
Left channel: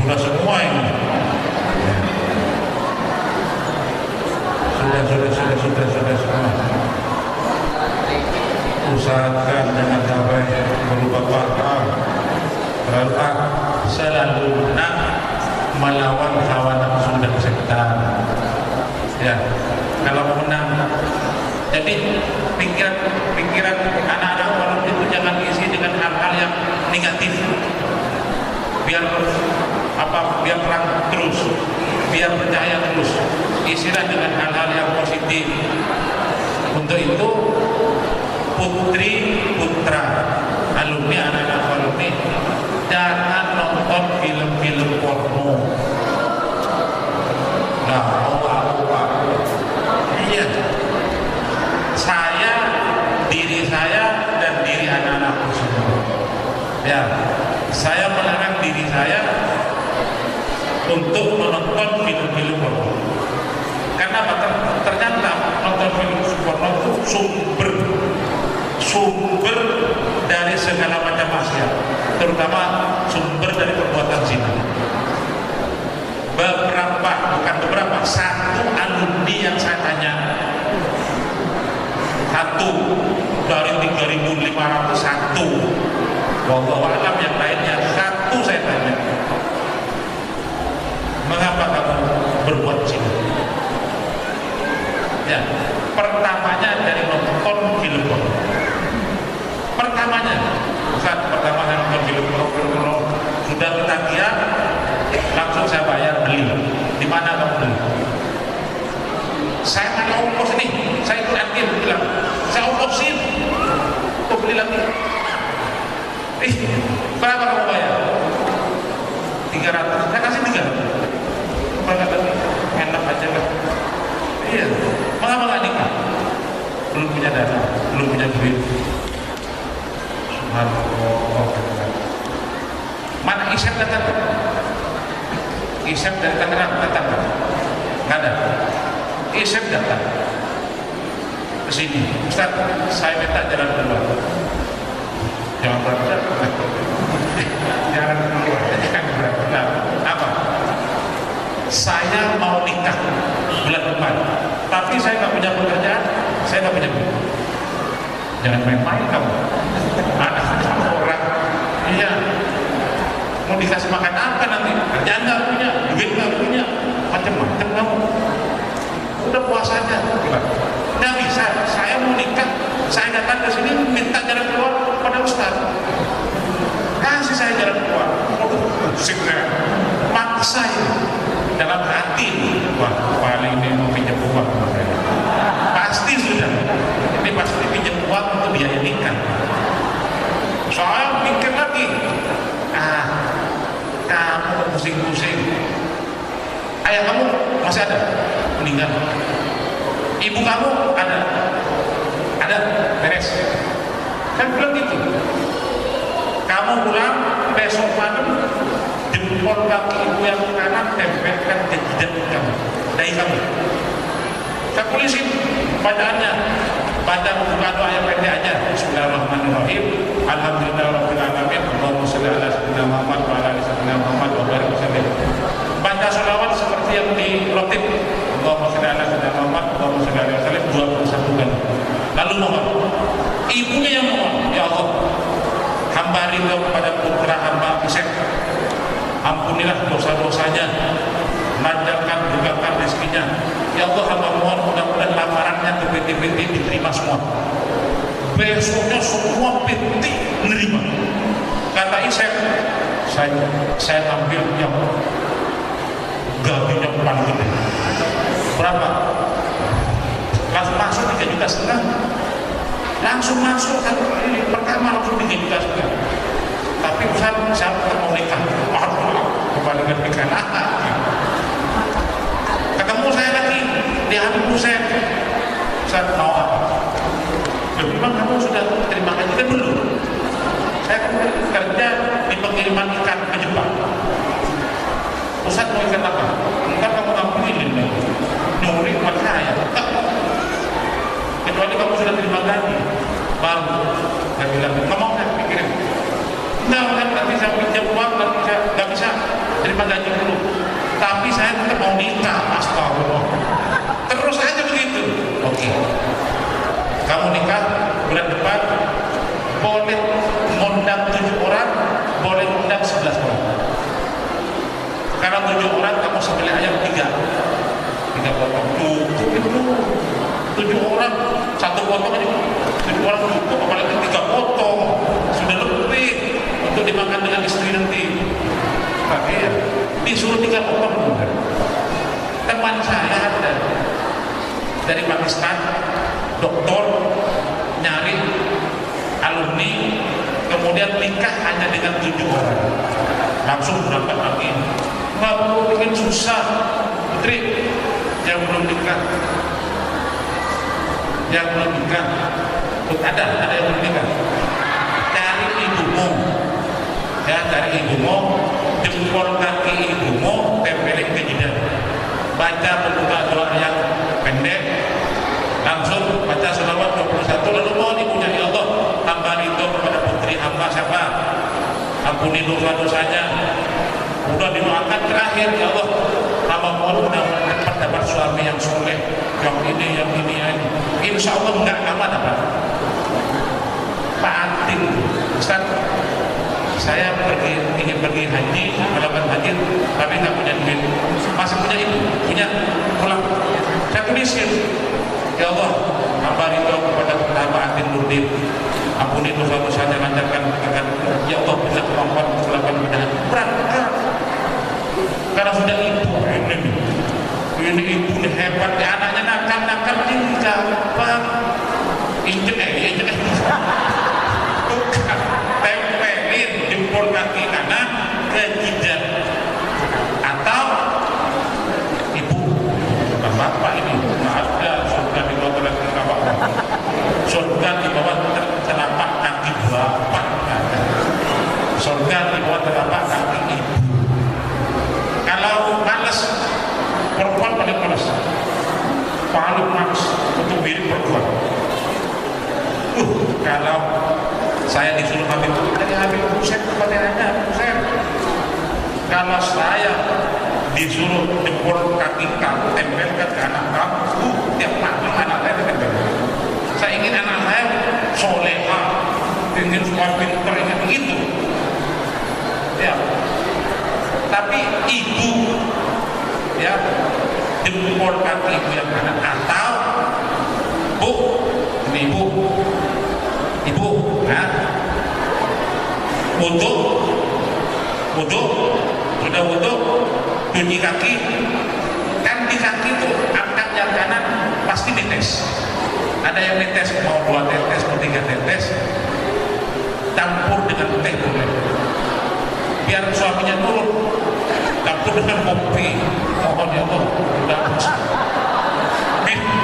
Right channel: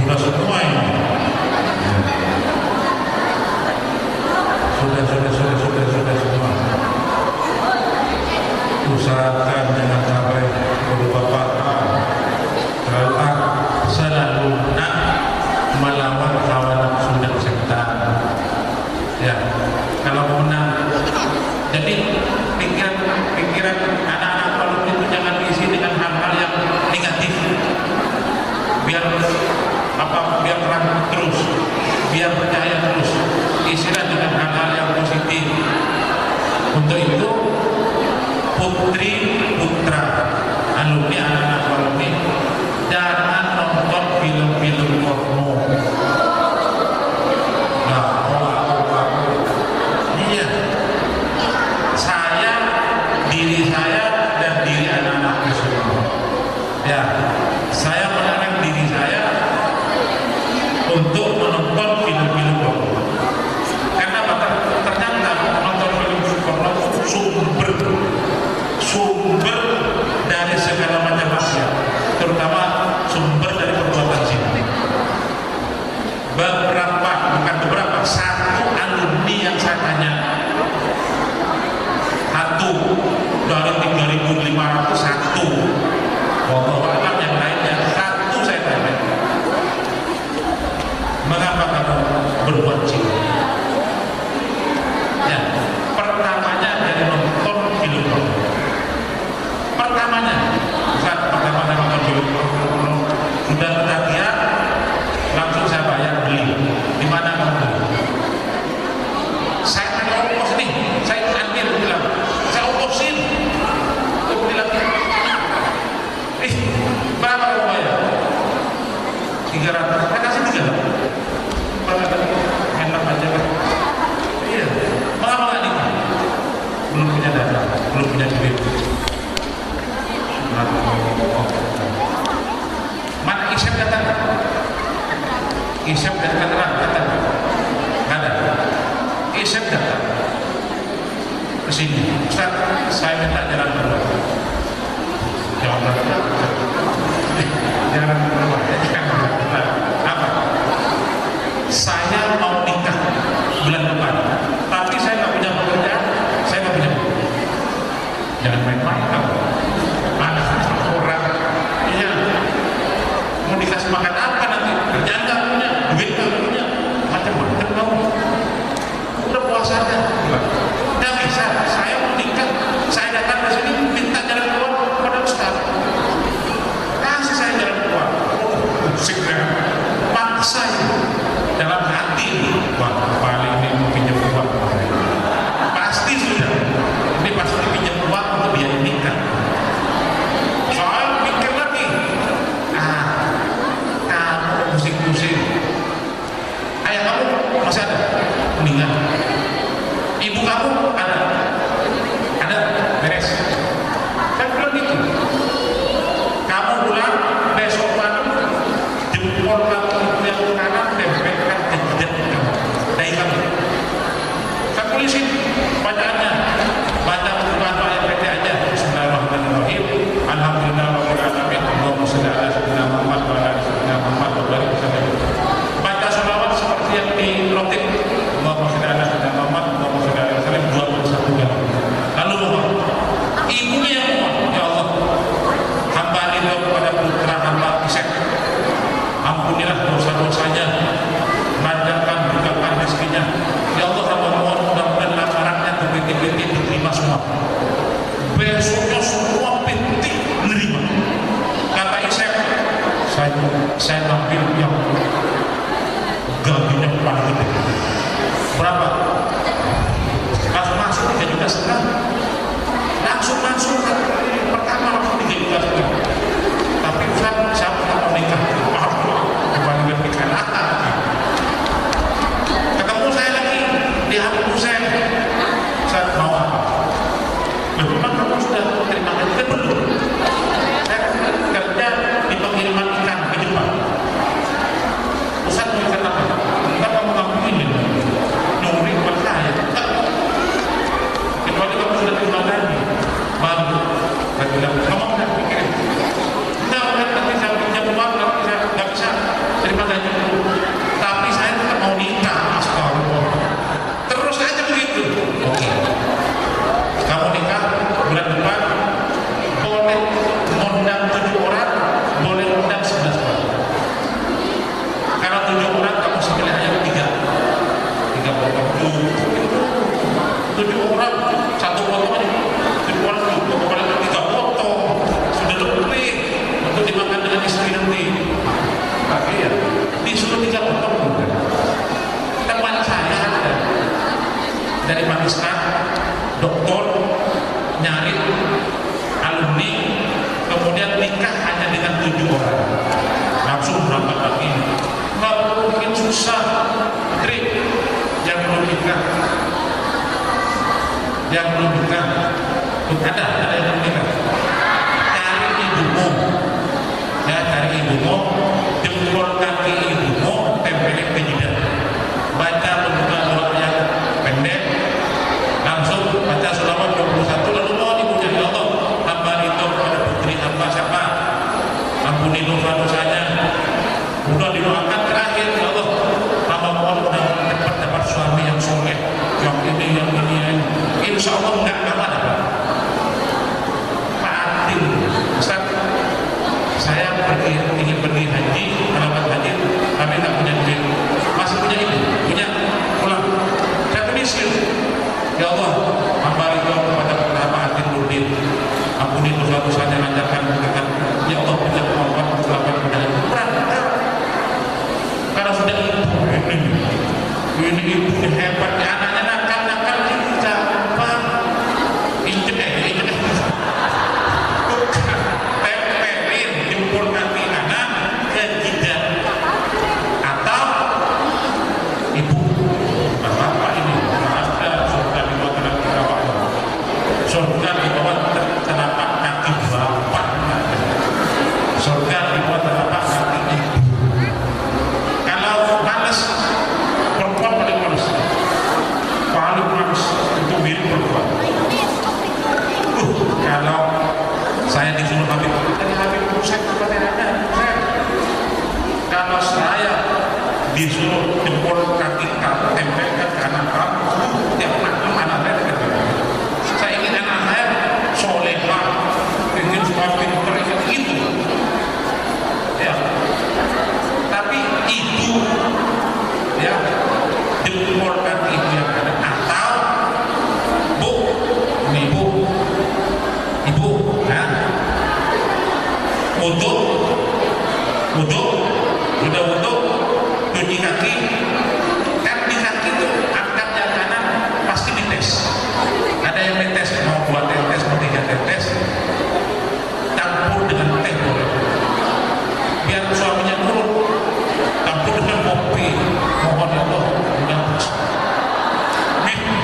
Sudah semua ini. Sudah semua. Usahakan jangan sampai berupa paham terlalu selalu nak melawan hawa nafsu dan setan. Ya, kalau mau menang. Jadi pikiran anak-anak Palut itu jangan diisi dengan hal-hal yang negatif. Biar terang terus, biar percaya terus, isilah dengan hal-hal yang positif. Untuk itu putri putra alumni anak-anak alumni jangan nonton film-film porno. Nah, iya, diri saya dan diri anak-anakku semua. Ya, saya melarang diri saya untuk menonton film-film porno. Karena ternyata nonton film porno itu sumber dari segala macam maksiat, terutama sumber dari perbuatan zina. Satu alumni yang saya tanya, dari 3.500 satu. Wallahu a'lam yang lainnya satu saya tanya, mengapa kamu berbuat zina? Ya, pertamanya dari nonton film porno. Pertamanya nonton film porno, sudah ketagihan, langsung saya bayar beli. Di mana kamu beli? Saya tanya ongkos nih, saya ikut antir bilang, saya ongkosin, kok beli lagi? Berapa kamu bayar? 300, saya kasih 300. Berapa lagi? Enak aja lah. Iya, mengapa nggak nikah? Belum punya dana, belum punya duit. Subhanallah. Mana Isep datang? Isep dari Tangerang datang? Nggak ada. Isep datang ke sini. Ustaz, saya minta jalan keluar. Jangan berat-berat. Jalan keluar. Jangan berat-berat. Apa? Saya mau nikah bulan depan, tapi saya nggak punya pekerjaan, saya nggak punya duit. Jangan main-main kamu. Anak-anak orang, iya, mau dikasih makan apa nanti? Kerjaan nggak punya, duit nggak punya, macam-macam kamu. Udah puas aja, bilang. Nggak bisa, saya mau nikah, saya datang ke sini minta jalan keluar pada Ustaz. Kasih saya jalan keluar. Pusing ya, maksa ini. dalam hati, wah paling ini mau pinjam uang sama saya. Pasti sudah, ini pasti pinjam uang untuk biaya nikah. Soal pikir lagi, kamu pusing-pusing. Ayah kamu masih ada, meninggal. Ibu kamu ada, beres. Kan bilang gitu. Kamu pulang besok malam, jempol kaki ibu yang kanan tempelkan ke jidat kamu, dahi kamu. Saya tulisin bacaannya, baca buka doa yang pendek aja. Bismillahirrahmanirrahim. Alhamdulillahirabbil alamin. Allahumma shalli ala sayyidina Muhammad wa ala ali sayyidina Muhammad wa barik wasallam. Baca sholawat seperti yang dirotib. Allahumma shalli ala sayyidina Muhammad, Allahumma shalli alaihi wasallam 21 kali. Lalu mohon, ibunya yang mohon, ya Allah, hamba ridho kepada putra hamba Isep, ampunilah dosa-dosanya, lancarkan, bukakan rezekinya. Ya Allah, hamba mohon mudah-mudahan lamarannya ke PT-PT diterima semua. Besoknya semua PT menerima. Kata Isep, saya ambil yang gajinya paling gede. Berapa? Langsung masuk 3,5 juta. Langsung masuk satu kali pertama langsung 3,5 juta. Tapi Ustaz, siapa yang mau nikah? Kembalikan pikiran ketemu saya lagi di Habib Hussein. Ustaz, mau apa? Memang kamu sudah terima gaji kan belum? Saya kan kerja di pengiriman ikan ke Jepang. Ustaz mau ikan apa? Enggak, kamu ngapain lagi? Nyuri buat saya. Kecuali kamu sudah terima gaji, baru saya bilang, ngomong nggak pikirin. Nggak bisa pinjam uang, nggak bisa terima gaji dulu. Tapi saya tetap mau nikah, astagfirullah. Terus aja begitu. Oke. Kamu nikah bulan depan, boleh ngundang 7 orang, boleh ngundang 11 orang. Kalau 7 orang, kamu sembelih ayam 3 potong cukup itu. 7 orang, 1 potong aja. 7 orang cukup, apalagi 3 potong sudah lebih untuk dimakan dengan istri nanti. Pakai ya, disuruh 3 potong juga. Teman saya ada dari Pakistan, doktor, nyari alumni, kemudian nikah hanya dengan 7 orang. Langsung berangkat lagi. Nggak perlu bikin susah, putri yang belum nikah, ada yang belum nikah, cari ibumu, ya, cari ibumu, jempol kaki ibumu, tempelin ke jidat, baca pembuka doa yang pendek, langsung baca sholawat 21, lalu mohon ibunya, ya Allah, hamba ridho kepada putri hamba siapa, ampuni dosa-dosanya. Udah didoakan terakhir, ya Allah, hamba mohon mudah-mudahan cepat dapat suami yang soleh, yang ini. Insya Allah enggak lama dapat. Pak Atin, Ustaz, saya ingin pergi haji, melakukan haji, tapi nggak punya duit. Masih punya ibu, punya pulang. Saya tulisin, ya Allah, hamba ridho kepada hamba Atin Nurdin, ampuni dosa-dosanya, lancarkan berkatan. Ya Allah, bila kemampuan untuk melakukan ibadah berangkat. Karena sudah ibu ini ibu ini hebat, ya, anaknya nakal ini gampang. Injek tempelin jempol kaki kanan ke jidat. Atau ibu, bukan bapak ini, nggak ada surga di bawah telapak kaki. Surga di bawah telapak kaki bapak nggak ada. Surga di bawah telapak kaki ibu. Kalau males, perempuan paling males untuk mirip perempuan. Kalau saya disuruh Habib, dari Habib Hussein kepada Hussein, kalau saya disuruh jempol kaki kamu tempelkan ke anak kamu, tiap malam anak saya ditempel. Saya ingin anak saya solehah, ingin sekolah pintar, ingin itu. Ya. Tapi ibu, ya, jempol kaki ibu yang kanan, atau bu, ini ibu, nah, wudhu, udah wudhu, cuci kaki, kan di kaki tuh angkatnya kanan pasti dites. Ada yang dites mau 2 tetes, mau 3 tetes, campur dengan teh boleh. Biar suaminya turun, campur dengan kopi. Mohon ya Allah, udah minum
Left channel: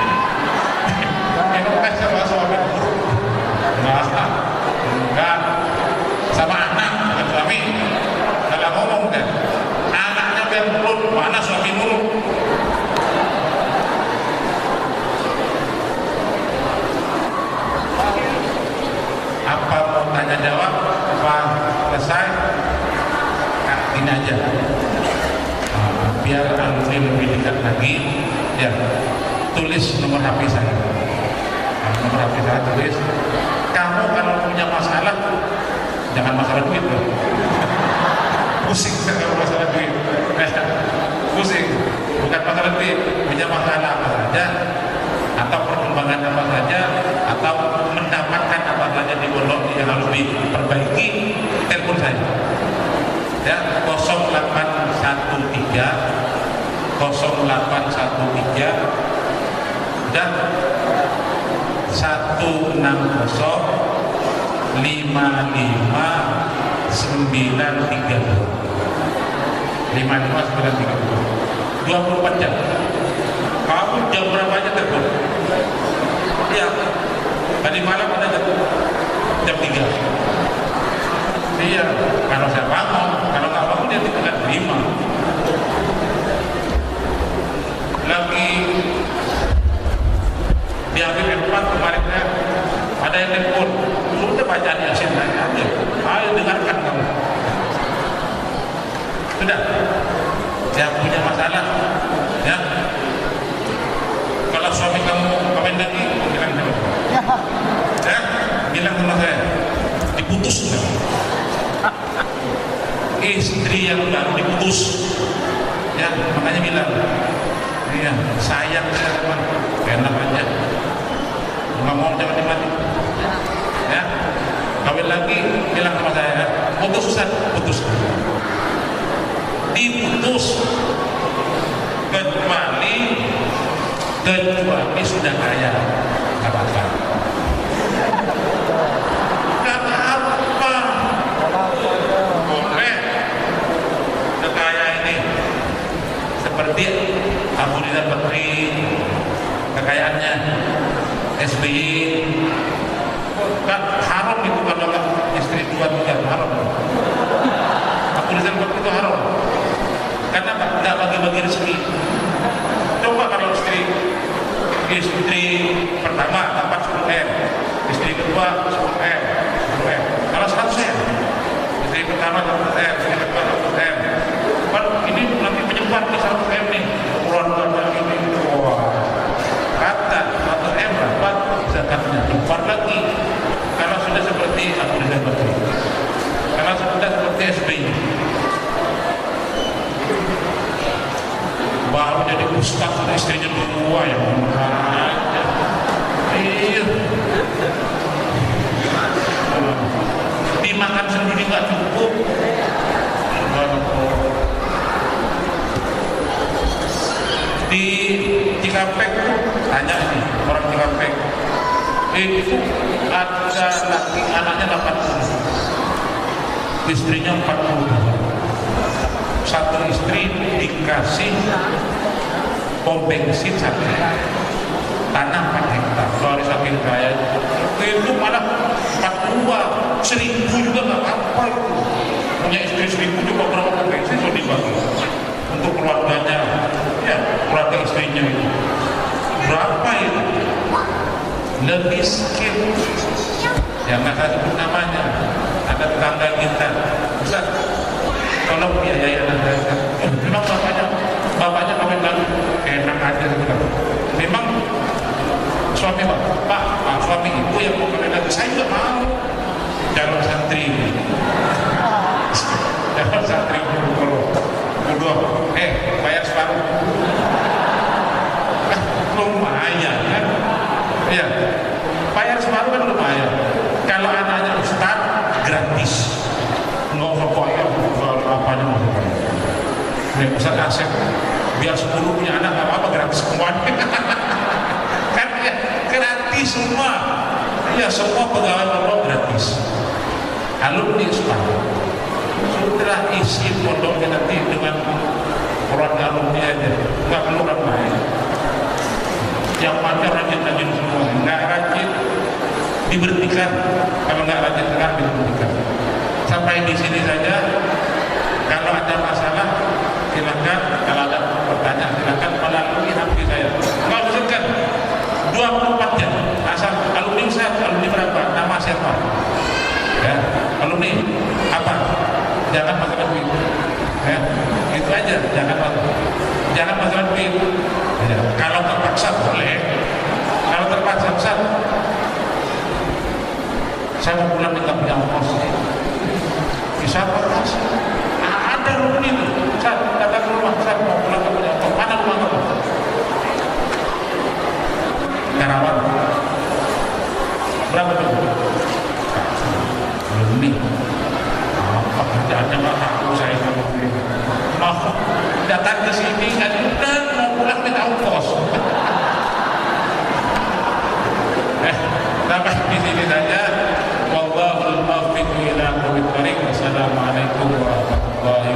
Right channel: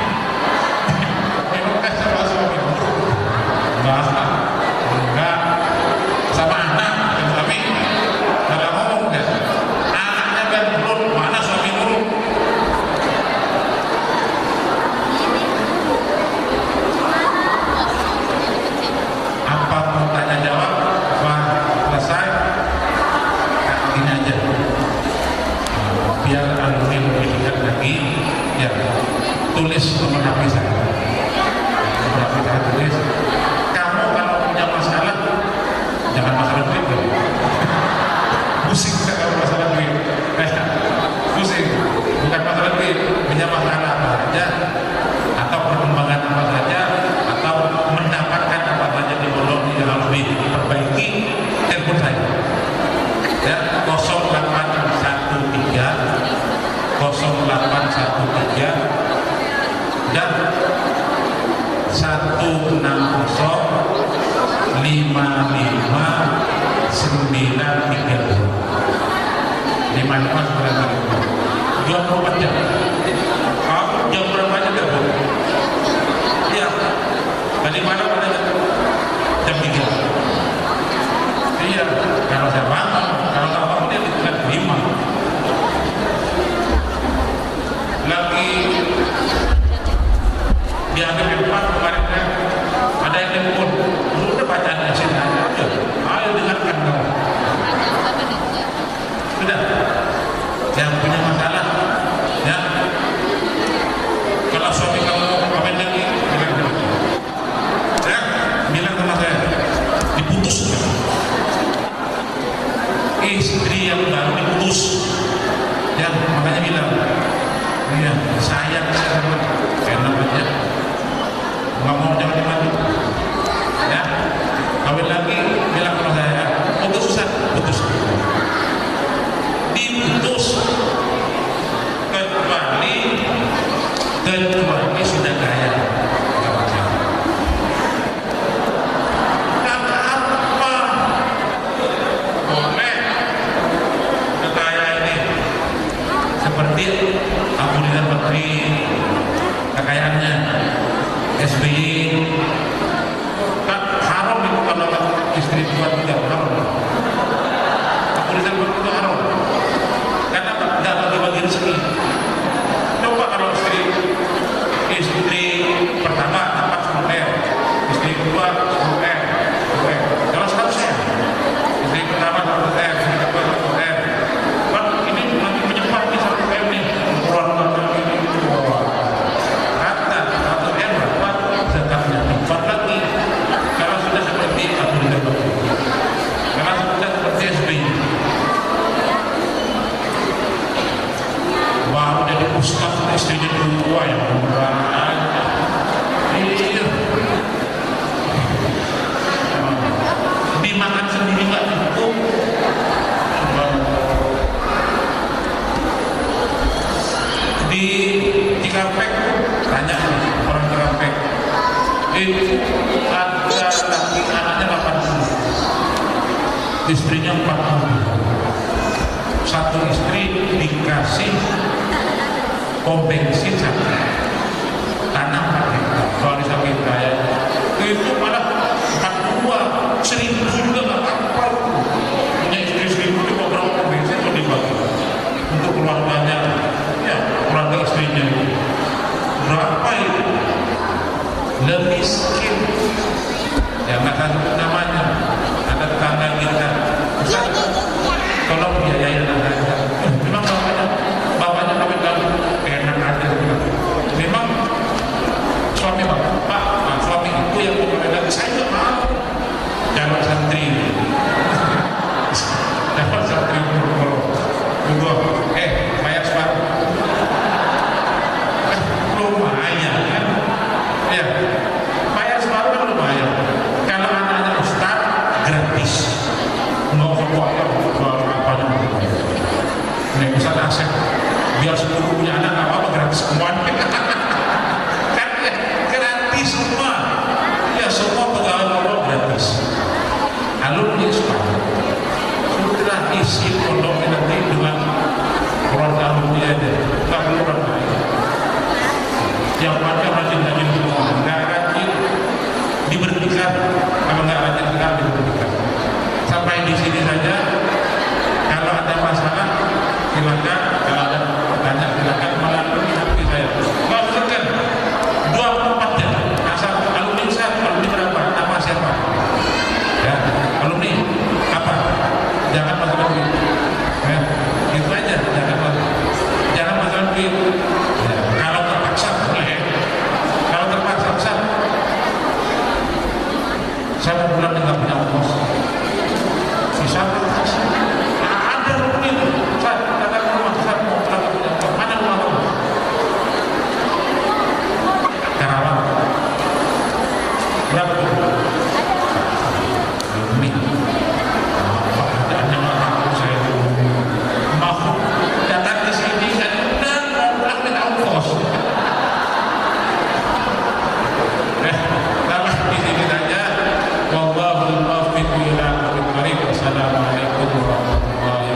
teh sama suami. Enggak, sama anak bukan suami. Kalau ngomong kan, anaknya biar turun, mana suami turun. Apa mau tanya jawab? Apa selesai? Gini aja, biar Andri lebih dekat lagi, ya tulis nomor HP saya. Nomor HP saya tulis. Kamu kalau punya masalah, jangan masalah duit loh. Pusing kalau masalah duit. Pusing, bukan masalah duit. Punya masalah apa saja, atau perkembangan apa saja, atau mendapatkan apa saja di pondok yang harus diperbaiki, telepon saya. Ya, 0813 dan 160555932 24 jam. Kamu jam berapa aja telepon? Iya, tadi malam ada jam 3. Iya, kalau saya bangun, kalau nggak bangun dia tidak terima. Lagi diambil handphone kemarin ada yang telepon, sudah bacaan Yasin aja, ayo dengarkan kamu. Sudah, yang punya masalah, ya. Kalau suami kamu kawin lagi, bilang sama saya. Ya, bilang sama saya, diputus kan? Istri yang baru diputus, ya makanya bilang, iya sayang saya teman, enak aja, nggak mau jangan dimadu, ya kawin lagi bilang sama saya, putus Ustaz, putus, diputus kecuali sudah kaya, nggak apa-apa. Seperti Abu Rizal Bakri, kekayaannya SBY, kan haram itu kalau istri dua tiga, haram. Abu Rizal Bakri itu haram karena tidak bagi-bagi rezeki. Coba kalau istri pertama dapat 10M, istri kedua 10M, 10M. Kalau 100M, istri pertama 100M, istri kedua 100M. Kan ini nanti menyebar di 100M nih, ukuran ini, rata 100M dapat zakatnya, cepat lagi. Kalau sudah seperti Abu Rizal Bakri, kalau sudah seperti SBY, baru jadi ustaz, istrinya 2 yang murah aja. Iya, dimakan sendiri nggak cukup. Di Cikampek, tanya nih orang Cikampek, itu ada laki anaknya 80, istrinya 40. Satu istri dikasih pom bensin 1, tanah 4 hektar, soalnya saking kaya. Itu malah 42, 1000 juga nggak apa-apa itu. Punya istri 1000 di beberapa pom bensin itu dibagi untuk keluarganya, ya keluarga istrinya itu. Berapa itu? Lebih miskin. Yang nggak tahu sebut namanya. Ada tetangga kita, Ustaz, tolong biayai anak saya. Memang bapaknya kawin lalu enak aja gitu. Memang suami bapak, suami itu yang mau kawin lagi, saya nggak mau. Calon santri, calon santri kalau bayar separuh, lumayan kan? Ya, bayar separuh kan lumayan. Kalau anaknya ustaz gratis, nggak usah bayar, apanya mau bayar. Nih Ustaz Asep, biar 10 punya anak nggak apa-apa, gratis semuanya. Kan ya, gratis semua. Ya semua pegawai Allah gratis. Alumni sepakat. Sudah isi pondoknya nanti dengan keluarga alumni aja, nggak perlu orang lain. Yang pakai rajin-rajin semua, nggak rajin diberhentikan. Kalau nggak rajin nggak diberhentikan. Sampai di sini saja. Kalau ada masalah silakan, kalau ada pertanyaan silakan melalui HP saya. Nggak usahkan 24 jam. Asal alumni Ustaz, alumni berapa? Nama siapa? Ya, alumni apa? Jangan masalah duit. Ya, itu aja. Jangan masalah duit. Ya, kalau terpaksa boleh. Kalau terpaksa Ustaz, saya mau pulang nggak punya ongkos. Bisa terpaksa. Ada alumni itu. Ustaz, datang ke rumah. Ustaz mau pulang nggak punya ongkos. Mana rumah kamu? Karawang. Berapa tuh? Alumni. Apa kerjaannya nggak tahu saya alumni. Mau datang ke sini kan udah mau pulang minta ongkos. Sampai di sini saja. Wallahul muwaffiq ila aqwamit thoriq. Wassalamualaikum warahmatullahi wabarakatuh.